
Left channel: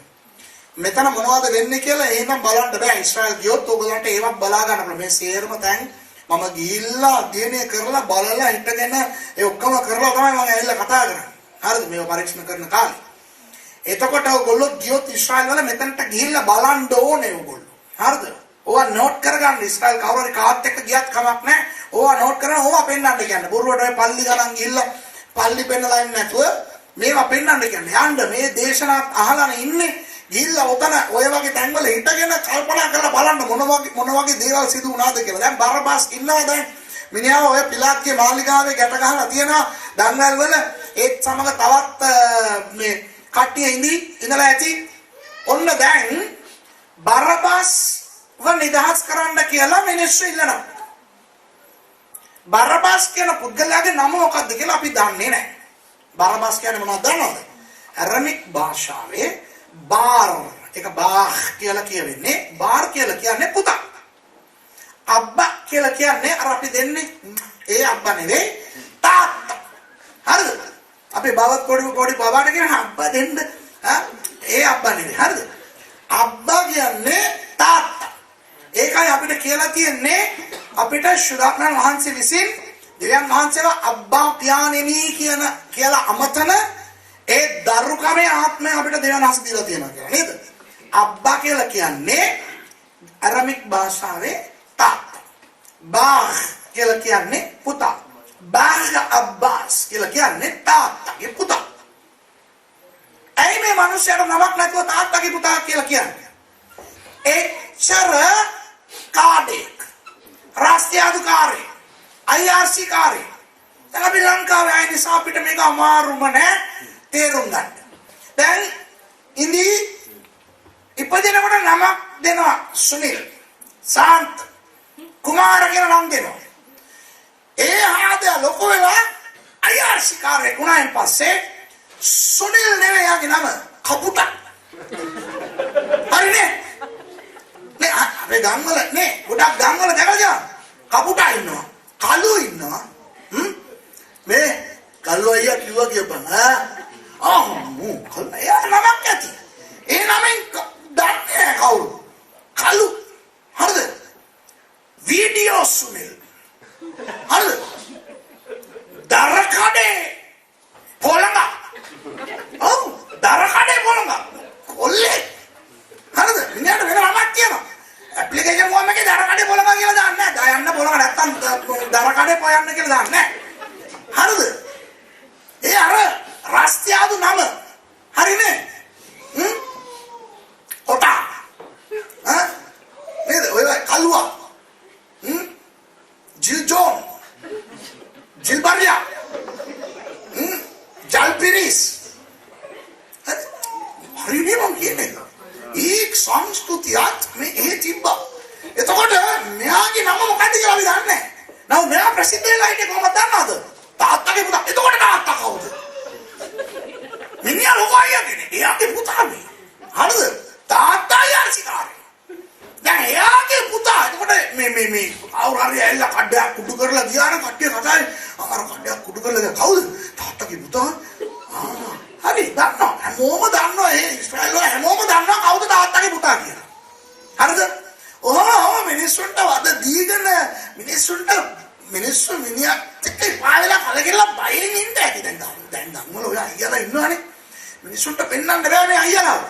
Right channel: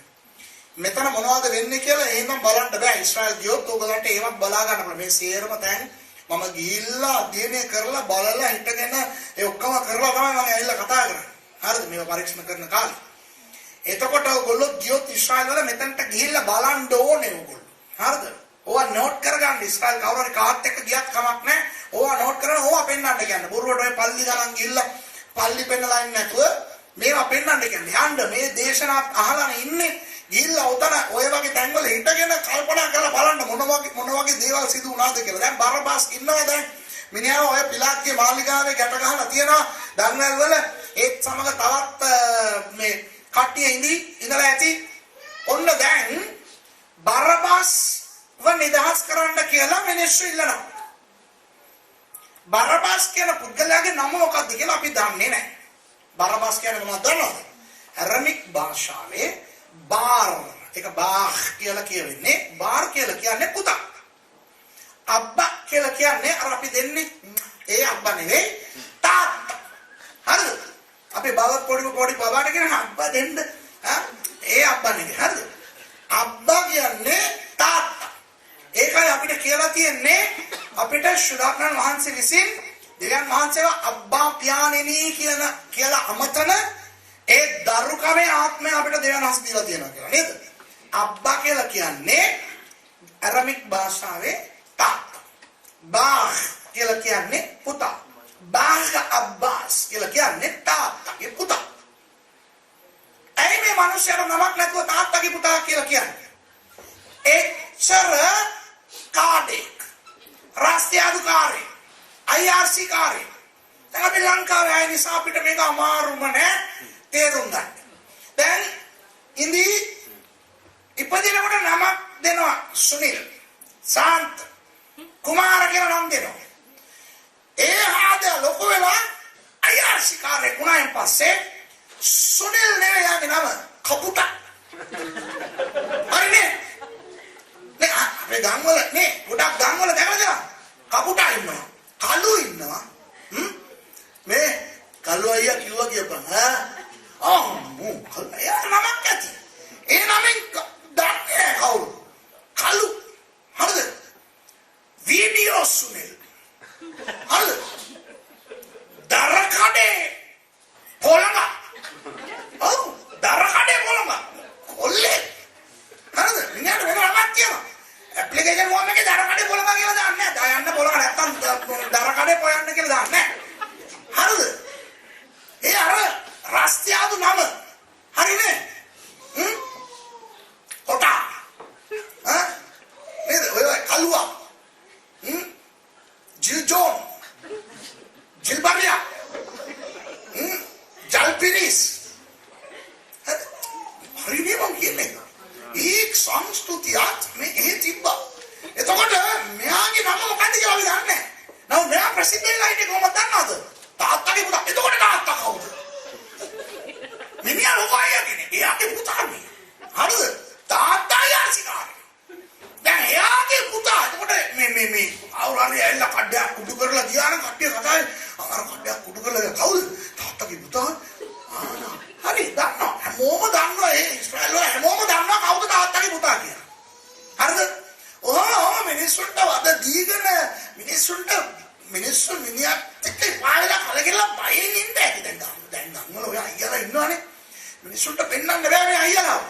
මෙතන මොනවද වෙන්නේ කියලා එහෙනම් බලන්න බෑ. ඊශ්‍රායල් ගියොත් ඕගලන්ට ඒවත් බලා ගන්න පුළුවන්. මේ සේරම තැන් මම ගිහිල්ලා අධ්‍යයනය කරලා බලලා හිටගෙන ඒ ඔක්කොම කරලා තමයි මම ඇවිල්ලා කතා කරන්නේ. හරිද? මේව පරීක්ෂණ කරන කාලේ. එතකොට ඔයගොල්ලෝ ගියොත් ඊශ්‍රායල් වල මෙතනට ගිහිල්ලා බලන්න ඕනේ ඔයගොල්ලෝ. හරිද? ඕවා නෝට් කරගන්න. ඊශ්‍රායල් කවුරු හරි කාත් එක්ක ගියත් කමක් නැහැ. ඕවා නෝට් කරගෙන ඕවා පෙන්නන්න කියන්නේ. බොරුවට ඔය පල්ලි ගණන් ගිහිල්ලා පල්ලි පෙන්නලා ඉන්නේ නැතුව මේවා පෙන්නන්න කියන්නේ. යන්න මේ දේශනාවත් අහලා ඉන්නේ. ගිහිල්ලා උතන ඔය වගේ තැන්වල හිටගෙන කල්පනා කරලා බලන්න මොන වගේ දේවල් සිදු වුණාද කියලා. දැන් බරබස් ඉන්නවා දැන්. මිනිහා ඔය පිලාත්ගේ මාලිගාවේ ගැට ගහලා තියෙනවා. දන්වැල් වල ඒත් සමග තවත් මේ කට්ටිය ඉඳලා ඇති. ඔන්න දැන් බරබස්ව නිදහස් කරන්න කියලා මිනිස්සු ඉල්ලනවා. බරබස් කියන පුද්ගලයාගේ නම මොකක්ද කියලා අපි දන්නේ නැහැ. බරබස් කියන්නේ මොනවද දන්නවද? ඇරමික් භාෂාවේ බාර් එක බාහ් කියලා කියවෙන්නේ. බාර් කියලා කියන්නේ පුතා. අබ්බා කියලා කියන්නේ අර අපි දෙන්නේ ඒ අබ්බා නෙවෙයි තාත්තා. හරිද? අපි බවත් පොඩි බබාට කියන අබ්බා දෙන්න. ඒ අබ්බා නෙවෙයි. හරිද? අබ්බා කියන්නේ තාත්තා. ඒකයි අපිට කියලා තියෙන්නේ අපිට ශුද්ධාත්මයන් වහන්සේ විසින් දෙවියන් වහන්සේව අබ්බා පියාණෙනි කියලා අමතන ඒ දරුකමේ ආත්මය අපිට දෙවියන් වහන්සේ දීලා තියෙනවා කියලා නේද? අබ්බා කියලා කියන්නේ ඇරමික් භාෂාවේ තාත්තා. බාග් කියලා කියන්නේ පුතා. බාග් අබ්බාස් කියලා කියන්නේ තාත්තගේ පුතා. ඇයි මේ මිනිස්සුන්ට නමක් නැතුව තාත්තගේ පුතා කියලා කියන්නේ? එච්චර කාඩේක් රාष्ट्रीय අධිකාරී IRC කාරේ දැන් අපි ලංකාවේ ආයේ නිසා අපිට මේක අමාරුම නෑ තේරුම් ගන්න. දැන් ඉපදිනකොට නමක් දෙනවා සුනිල් සාන්ත කුමාර කියලා නම් දෙනවා. ඒ ආදේ ලොකු වෙලා IRC කාරේ වුණායින් පස්සේ සුනිල් නෙවෙයි යාගේ නම කපුටා. හරිනේ? නේ අපේ ගම්වල නේ ගොඩක් ගම්වල දැකලා කපුටා ඉන්නවා. කළු ඉන්නවා. මේ කළු අයියා කිව්වා කියපන් කළු අයියා නමක් ඇති. ඒ නමෙන් දන්නේ කවුරු? කළු. හරිද? වීඩියෝ සුනිල්. හරිද? දරකඩේ පොළඟ. ඔව් දරකඩේ පොළඟ. ඔල්ලේ. හරිද? ඉන්නට වෙන නමක් කියනවා. ඇප්ලිකේෂන් ෆෝම් එකේ දරකඩේ පොළඟ කියලා දාන්නේ නැහැ. දායන්න පොළඟ නැත්තම් දරකඩේ පොයන්න කියලා දාන්නේ නැහැ. හරිද? ඒ අර රාष्ट्रीय නම. හරිනේ? කොටා. නේද? ඔය කලුවා. ජිල් ජෝන්. ජිල් බරියා. ජල් පිරිස්. හරිනේ මං කියන්නේ. ඒ සංස්කෘතියත් මේ එහෙ තිබ්බා. එතකොට මෙයාගේ නම මොකක්ද කියලා අපි දන්නේ නැහැ. නමුත් මෙයා ප්‍රසිද්ධ වෙලා ඉන්නේ කොහොමද දන්නවද? තාත්තගේ පුතා. එතකොට තාත්තා කවුද? මිනිහා ලෝකයියා කෙනෙක්. එයාගේ පුතා මේ. හරිද? තාත්තා යාසිකාරේ. දැන් එයාගේ පුතා. එතකොට මේ අවුරුහරි ඇවිල්ලා කඩයක් කුඩු කරලා ගියා නම් කට්ටිය කතාවේ අර කඩයක් කුඩු කරලා ගියා. කවුද? තාත්තගේ පුතා. හරි දන්නවා. හැමෝම දන්නවා ඒ ඉස්රායල් වල හැමෝම දන්නවා කවුද තාත්තගේ පුතා කියලා. හරිද? ඔහොම මිනිස්සුන්ට වද දීගෙන මිනිස්සු මිනිහත් එක්ක පායලා කලකිරලා බයෙන් ඉන්න ඇති දැන් ගම්වල ඔය අයියලා ඉන්නවනේ. මිනිස්සුන්ට පෙන්වන්න බෑනේ අයියලා.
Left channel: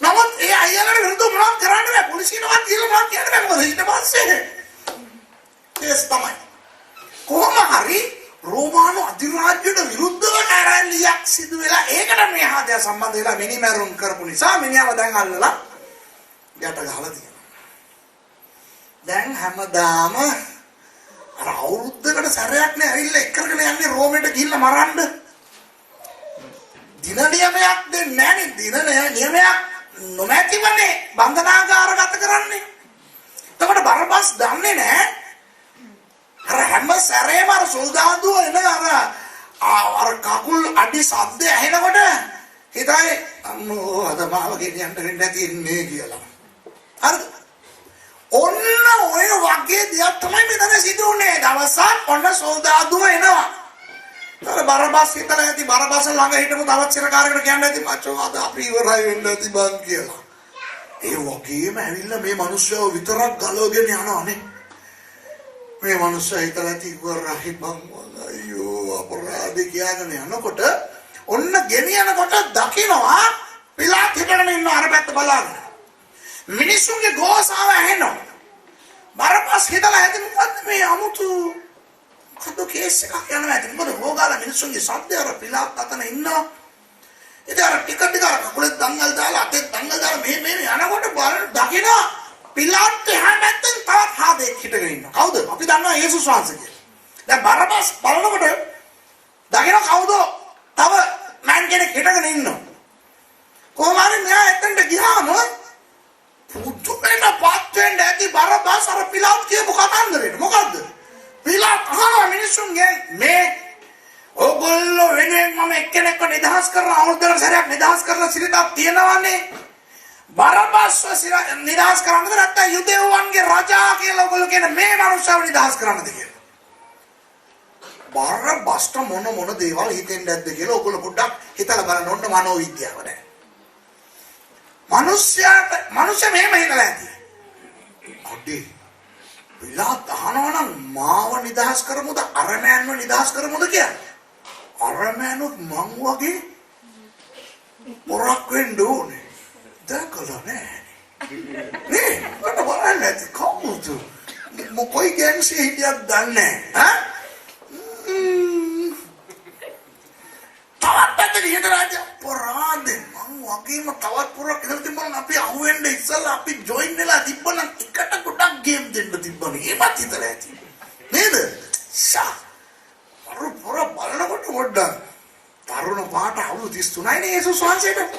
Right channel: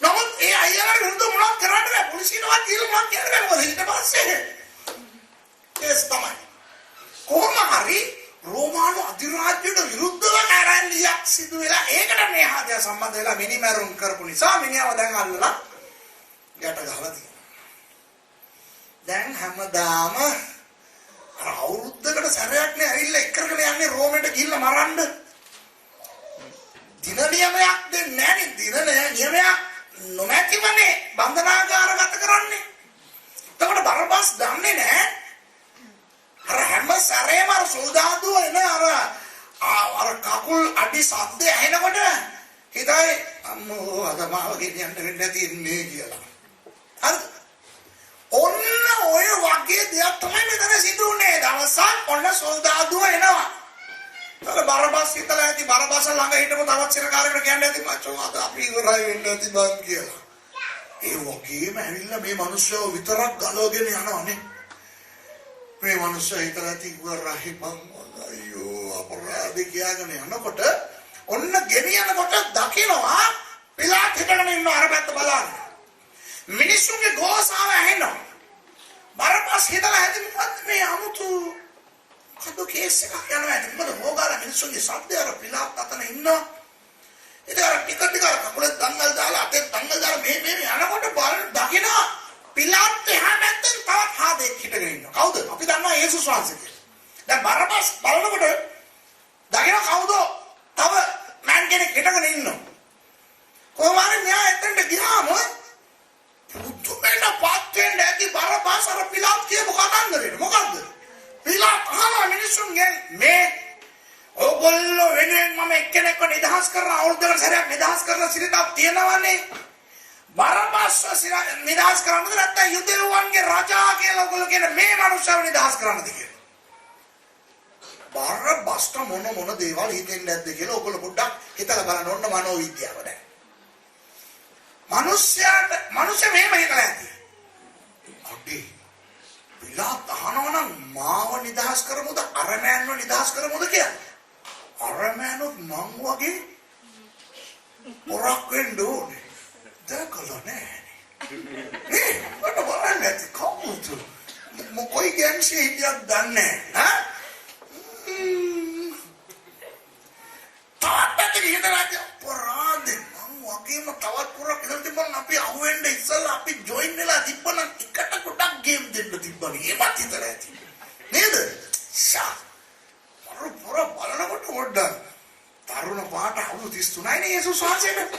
නමුත් ඒ අයියලාට විරුද්ධව මොනවද කරන්න බෑ. පොලිසියනවත් කියලා මොනවද කියන්න බෑ. මොකද ඊට පස්සේ කේස් තමයි. කොහොම හරි රෝමානු අධිරාජ්‍යයට විරුද්ධව කැරැල්ලියක් සිදු වෙලා ඒකට මේ හදය සම්බන්ධ වෙලා මිනිමරුන් කරපු නිසා මිනිහව දැන් අල්ලලා යට ගහලා තියෙනවා. දැන් හැමදාම අර අවුරුද්දකට සැරයක් නේ ඇවිල්ලා එක්කරගෙන යන්නේ රෝමෙට ගිහිල්ලා මරන්න. දින නියමයක් දෙන්නේ නැහැ නේ. දින නියමයක් නොමැතිවනේ බන්ධනාගාරගත කරන්නේ. එතකොට බරබස් දන්නේ නැහැ. අර හැම සැරේම අර සෝදාදුව එන අර කකුල් අඩි සද්ද ඇහෙනකොට හිතයි අම්මෝ අද මාව ගෙනියන්න වෙන්නේ නැති ඉන්නේ කියලා. හරිද? ඔන්න ඔය වගේ දෙයක් තමයි මෙතන සිදු වුනේ. දවසක් ඔන්න සෝදාදුව එනවා. අර බරබස් හිතලා ඇති බරබස් ළඟ හිටපු තවත් සිරකාරයෙකුට කියන්න ඇති මචෝ අද අපි ඉවරයි වෙන්න ඇති බං කියලා. ඒ වගේම ඇවිල්ලා මේ මිනිස්සුව විතරක් ගලවගෙන යනවානේ. මේ මිනිස්සු හිතලා ඇති ඉවරයි බං අයියෝ අපරාධ කියලාගෙන යනකොට ඔන්න ගෙනියනකොට දකින්නවා පිලාත් හිටගෙන ඉන්න අර පැත්ත බලන්න. මිනිස්සුන්ගේ ගෝසාව ඇහෙනවා. බරපස් හිතලා ඇති මොකද්ද මේ අමුතු කඩු කේස් එකක් යනවා ඇති. මොකද හොගාලා මිනිස්සුන්ගේ සද්ද අර පිලාත් අතන ඉන්නවා. ඉතින් අර ටික කකුලේ දංගල් දාලා අතේ දංගල් දාලා මේ යනකොට බලන දකිනවා පිලාත් එහා පැත්තෙන් තවත් හාදෙක් හිටගෙන ඉන්නවා. කවුද? අපි දන්නවා යේසුස් වහන්සේ කියලා. දැන් බරපස් බලනකොට දකිනවා කවුද? තව මෑන් කෙනෙක් හිටගෙන ඉන්නවා. කොහොම හරි මෙයා එතනට ගියාම පුදුමෙන් පාත් වෙන්න ඇති බරපස් අර පිලාත් කියපු කතන්දරේ. මොකද්ද? පිලාත් මිනිස්සුන්ගේ මේ ඕගොල්ලෝ වෙනුවෙන් මම එක්කෙනෙක්ව නිදහස් කරලා අවුරුද්දකට සැරයක් නිදහස් කරලා සිරිතක් තියනවනේ. බරපස් නිදහස් කරන්නද නැත්නම් යුදෙව්වන්ගේ රජා කියලා ඔයගොල්ලෝ කියන මේ මනුස්සයව නිදහස් කරන්නද කියලා. බරපස්ට මොන දේවල් හිතෙන්නේ නැද්ද කියලා ඔයගොල්ලෝ පොඩ්ඩක් හිතලා බලන්න ඕන මනෝවිද්‍යාව දැන්. මනුෂ්‍ය මෙහෙම හිතලා ඇති. අඩේ පිලාත් අහනවනම් මාව නිදහස් කරමුද අරමෑන්ව නිදහස් කරමුද කියලා. අරමෑනුත් මං වගේ පොරක් වෙන්න ඕනේ. දැකලා නැහැ. නේ මට බලන්න ඇති කවුද? මොකයි ගෑන්සේ හිටියක් දන්නේ ඈ තවත් පැත්තක හිටලාද පරාදේ මං වගේම තවත් පුරක් ඉඳන් තිබ්බනම් අපි අහුවෙන්න ඉස්සලා අපි ජොයින් වෙලා තිබ්බනම් එකට ගොඩක් ගේම් දෙන්න තිබ්බනේ ඒවත් හිතලා ඇති නේද ෂා පුර බලනකොට පොඩ්ඩක් තරුණ පාට අවුරුදු 33යි නේ යේසුස් වහන්සේට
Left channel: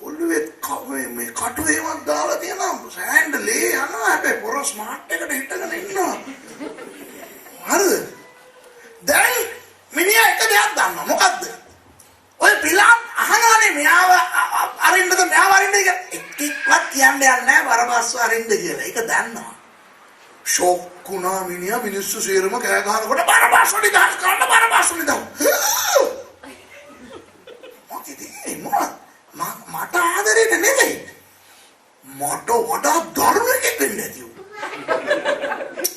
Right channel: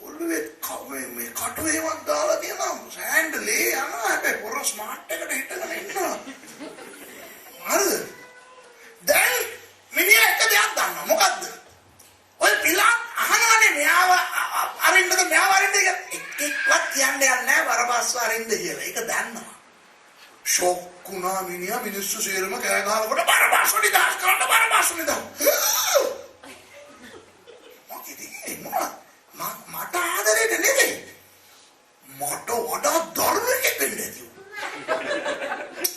ඔළුවේ කවේ මේ කටුවේවත් දාලා තියෙනවා සෑන්ඩලේ යනවා හැබැයි පොර ස්මාර්ට් එකට හිටගෙන ඉන්නවා හරිද දැන් මිනිහා එක දෙයක් දන්නවා මොකද්ද ඔය පිළාම් අහනවානේ මෙයාව අරින්නද මෙයාව අරින්නද එක්කවත් කියන්නේ නැහැ වරබස්ව අරින්න කියලා ඒක දන්නවා ෂොක් වුණා මිනිහා මිනිස්සු සේරම කෑ ගහනකොට වරබස්ව නිදාස් කරන්න වරබස්ව නිදාස් මට ආදරේට නෙමෙයි මට වඩා දරුවෙක් වෙන්න ඇති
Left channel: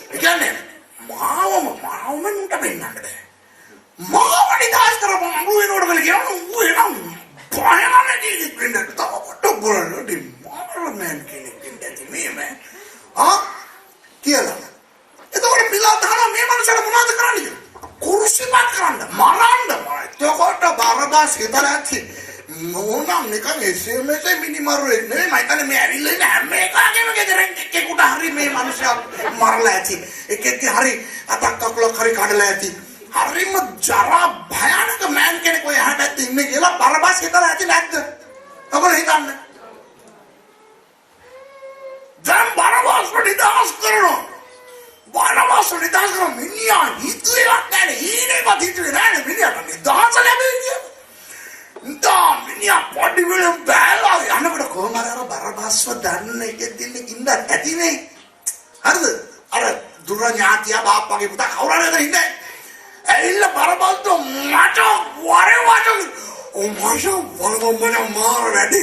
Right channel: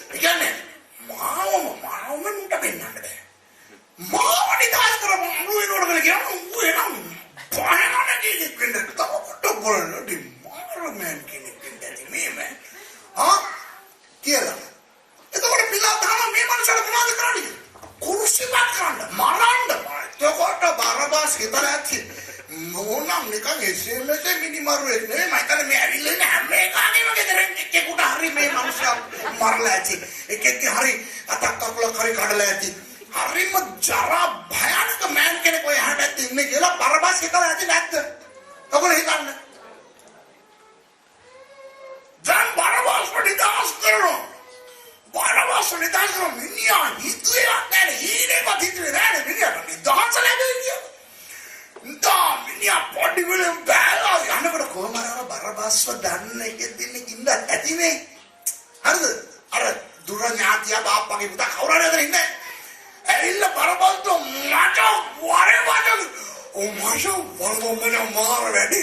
ඒ කියන්නේ මාවම මුන්ට වෙන්නන්න බෑ මාව නිදාස් කරපන් අඹු වෙනකොට කියලා කියනවා එනම් පහනම ජීවිත වෙන්න තවට බලන්න මාරමෙන් කෙනෙක් වෙන්න ඇති මේ කියලා එතකොට පිළා දාන මේ මනුස්සයා මොනවද කරන්නේ කුරුසිපත් කරන්න මරන්න එතකොට බරබස් හිතලා ඇති මොනම් නිකන් SMS මිනිමරුවේ නෙමෙයි මම කියන්නේ මේ ඇවිල්ලා ඉන්න හැම එකකම ගෙදරින් එක්කෙකුට හරි මේ මිනිස්සු මරලා ඇති එකෙක් හරි අතක් කකුලක් හරි කඩලා ඇති හරිම ජරා භයානක මෑන් කෙනෙක් ඔය හැටත් ඉන්නේ කියලා බරබස් හිතලා ඇති නැද්ද ඔබලා හිතන්න දැන් බරබස් නිදාස් කරනවා මිනිහා හිතුවේ නැහැ ඊනේවත් හිතුවේ නැහැ මිනිහා නිදාස් ලැබෙන්නේ මිනිහා පොඩි වෙලම බෑලා යනකොට කොහොම අර බරබස්ව දන්න එකෙක් දෙන්නේ ඉඳ ඇතිනේ හරිද අර දුර ඥාතිය බාප්පගේ පුතා කවුරුහරි ඉන්නේ ඇවිල්ලා බරබස්ව මට වරේ මාර වැඩි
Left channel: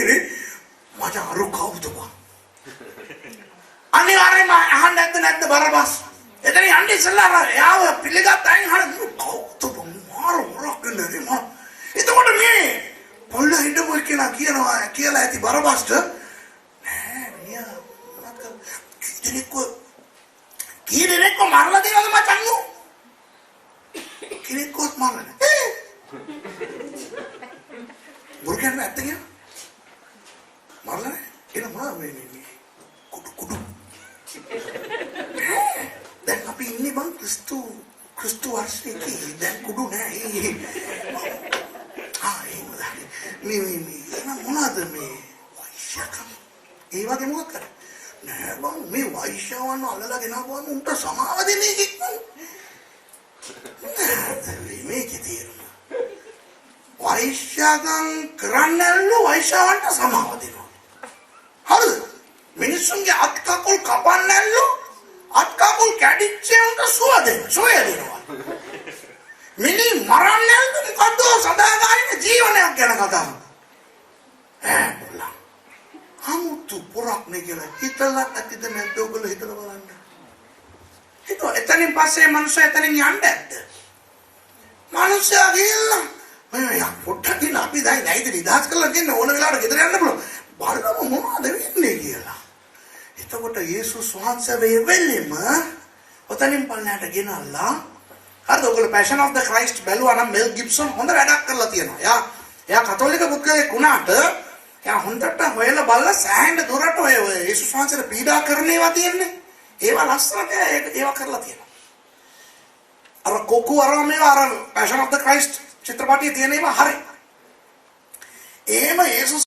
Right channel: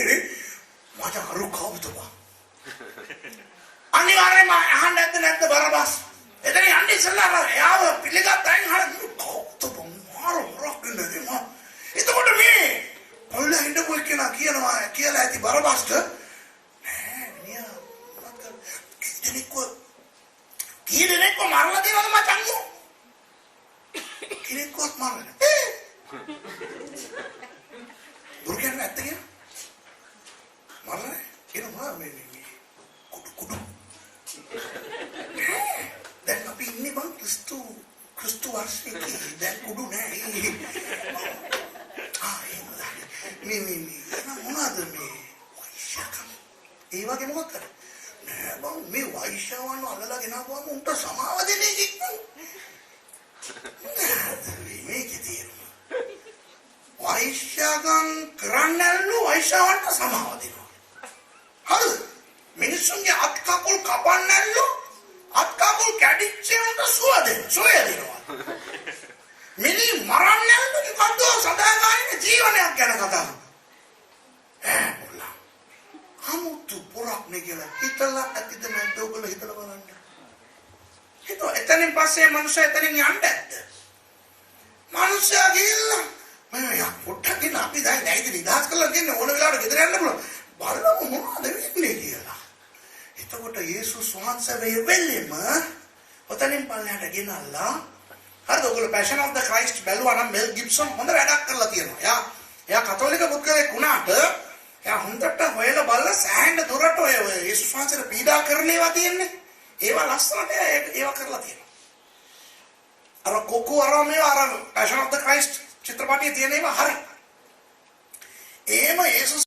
මට අරු කවුද බං අනිවාර්යයෙන්ම අහන්න නැද්ද බරබස් එතන යන්නේ ඉස්සලා එයාව පිළිගත්තායින් හරි කවුද බං මාර වරක් නෙමෙයි මම එතකොට මේ පොල්ල හිටපු කියලා කියලා ඇති බරබස්ට නෑ මිනිහා මොනවද කීරෙක්ව මරලා දෙනවද මචං කීරෙක්වත් මරලා මුර්ගන් නැත්ද කියලා මරලා එනවා මේ කුඩු දැන් අපි ඉන්නේ බං ක්‍රිස්තු වර්ෂයේ දැන් කුඩු නෑ මේ මොනවද මේ වෛශ්‍යකම් ඒ වගේ මොකක් කරා නෑ බං මේ වෛශ්‍යවන්න අල්ලලා ගෙනාවම උන්ට සමාව දෙන්නේ කිව්වා මේකේ තියෙනවා වෛශ්‍යකම් කරන්නලු වෛශ්‍යවන්ට සමාව දෙනවා හරි මිනිස්සුන්ගේ අත් කකුල් කපන්නලු අත් කකුල් කැඩිච්චේ උන්ට සුව දෙනවා මිනි මරන්නලු මොකද්ද සදාකාලික ජීවනයක් ගැන කතා කරනවා අමුතු පුරක් නේ කියලා හිතලා ඇතිද නැද්ද ඔයගොල්ලෝ හිතලා බලන්න හිතුවා එතනින් පස්සේ මනුස්සය එතනින් යන්න ඇද්ද මනුස්සයා ගිහිල්ලා මම පොඩ්ඩක් ඉන්න අපි දැන් නැයිද නිදහස් කරලා දෙන්න ඕන වෙලාවට ගෙදර යන්න පුළුවන් බලමු මොනවද වෙන්නේ කියලා එතකොට යේසුස් වහන්සේ වෙලෙම ඔතනින් පන්නට ගෙනල්ලා හරිද ඔයගොල්ලෝ පැෂන් ඔෆ් ද ක්‍රයිස්ට් බැලුවා නම් මෙල් ගිබ්සන් හොඳ වැඩක් කරලා තියෙනවා එයා කතෝලික පුද්ගලයෙක් වුණාට එයා හොඳට හොයලා බලලා සෑහෙන දුරට ඔය යේසුස් වහන්සේට පීඩා කරන ඒවා තියෙන්නේ ඒවා ලස්සනට ඒවා කරලා තියෙනවා අර කොකු අරම අර පැෂන් ඔෆ් ද ක්‍රයිස්ට් චිත්‍රපටයේ තියෙන ඒවා හරි එහෙම යේසුස්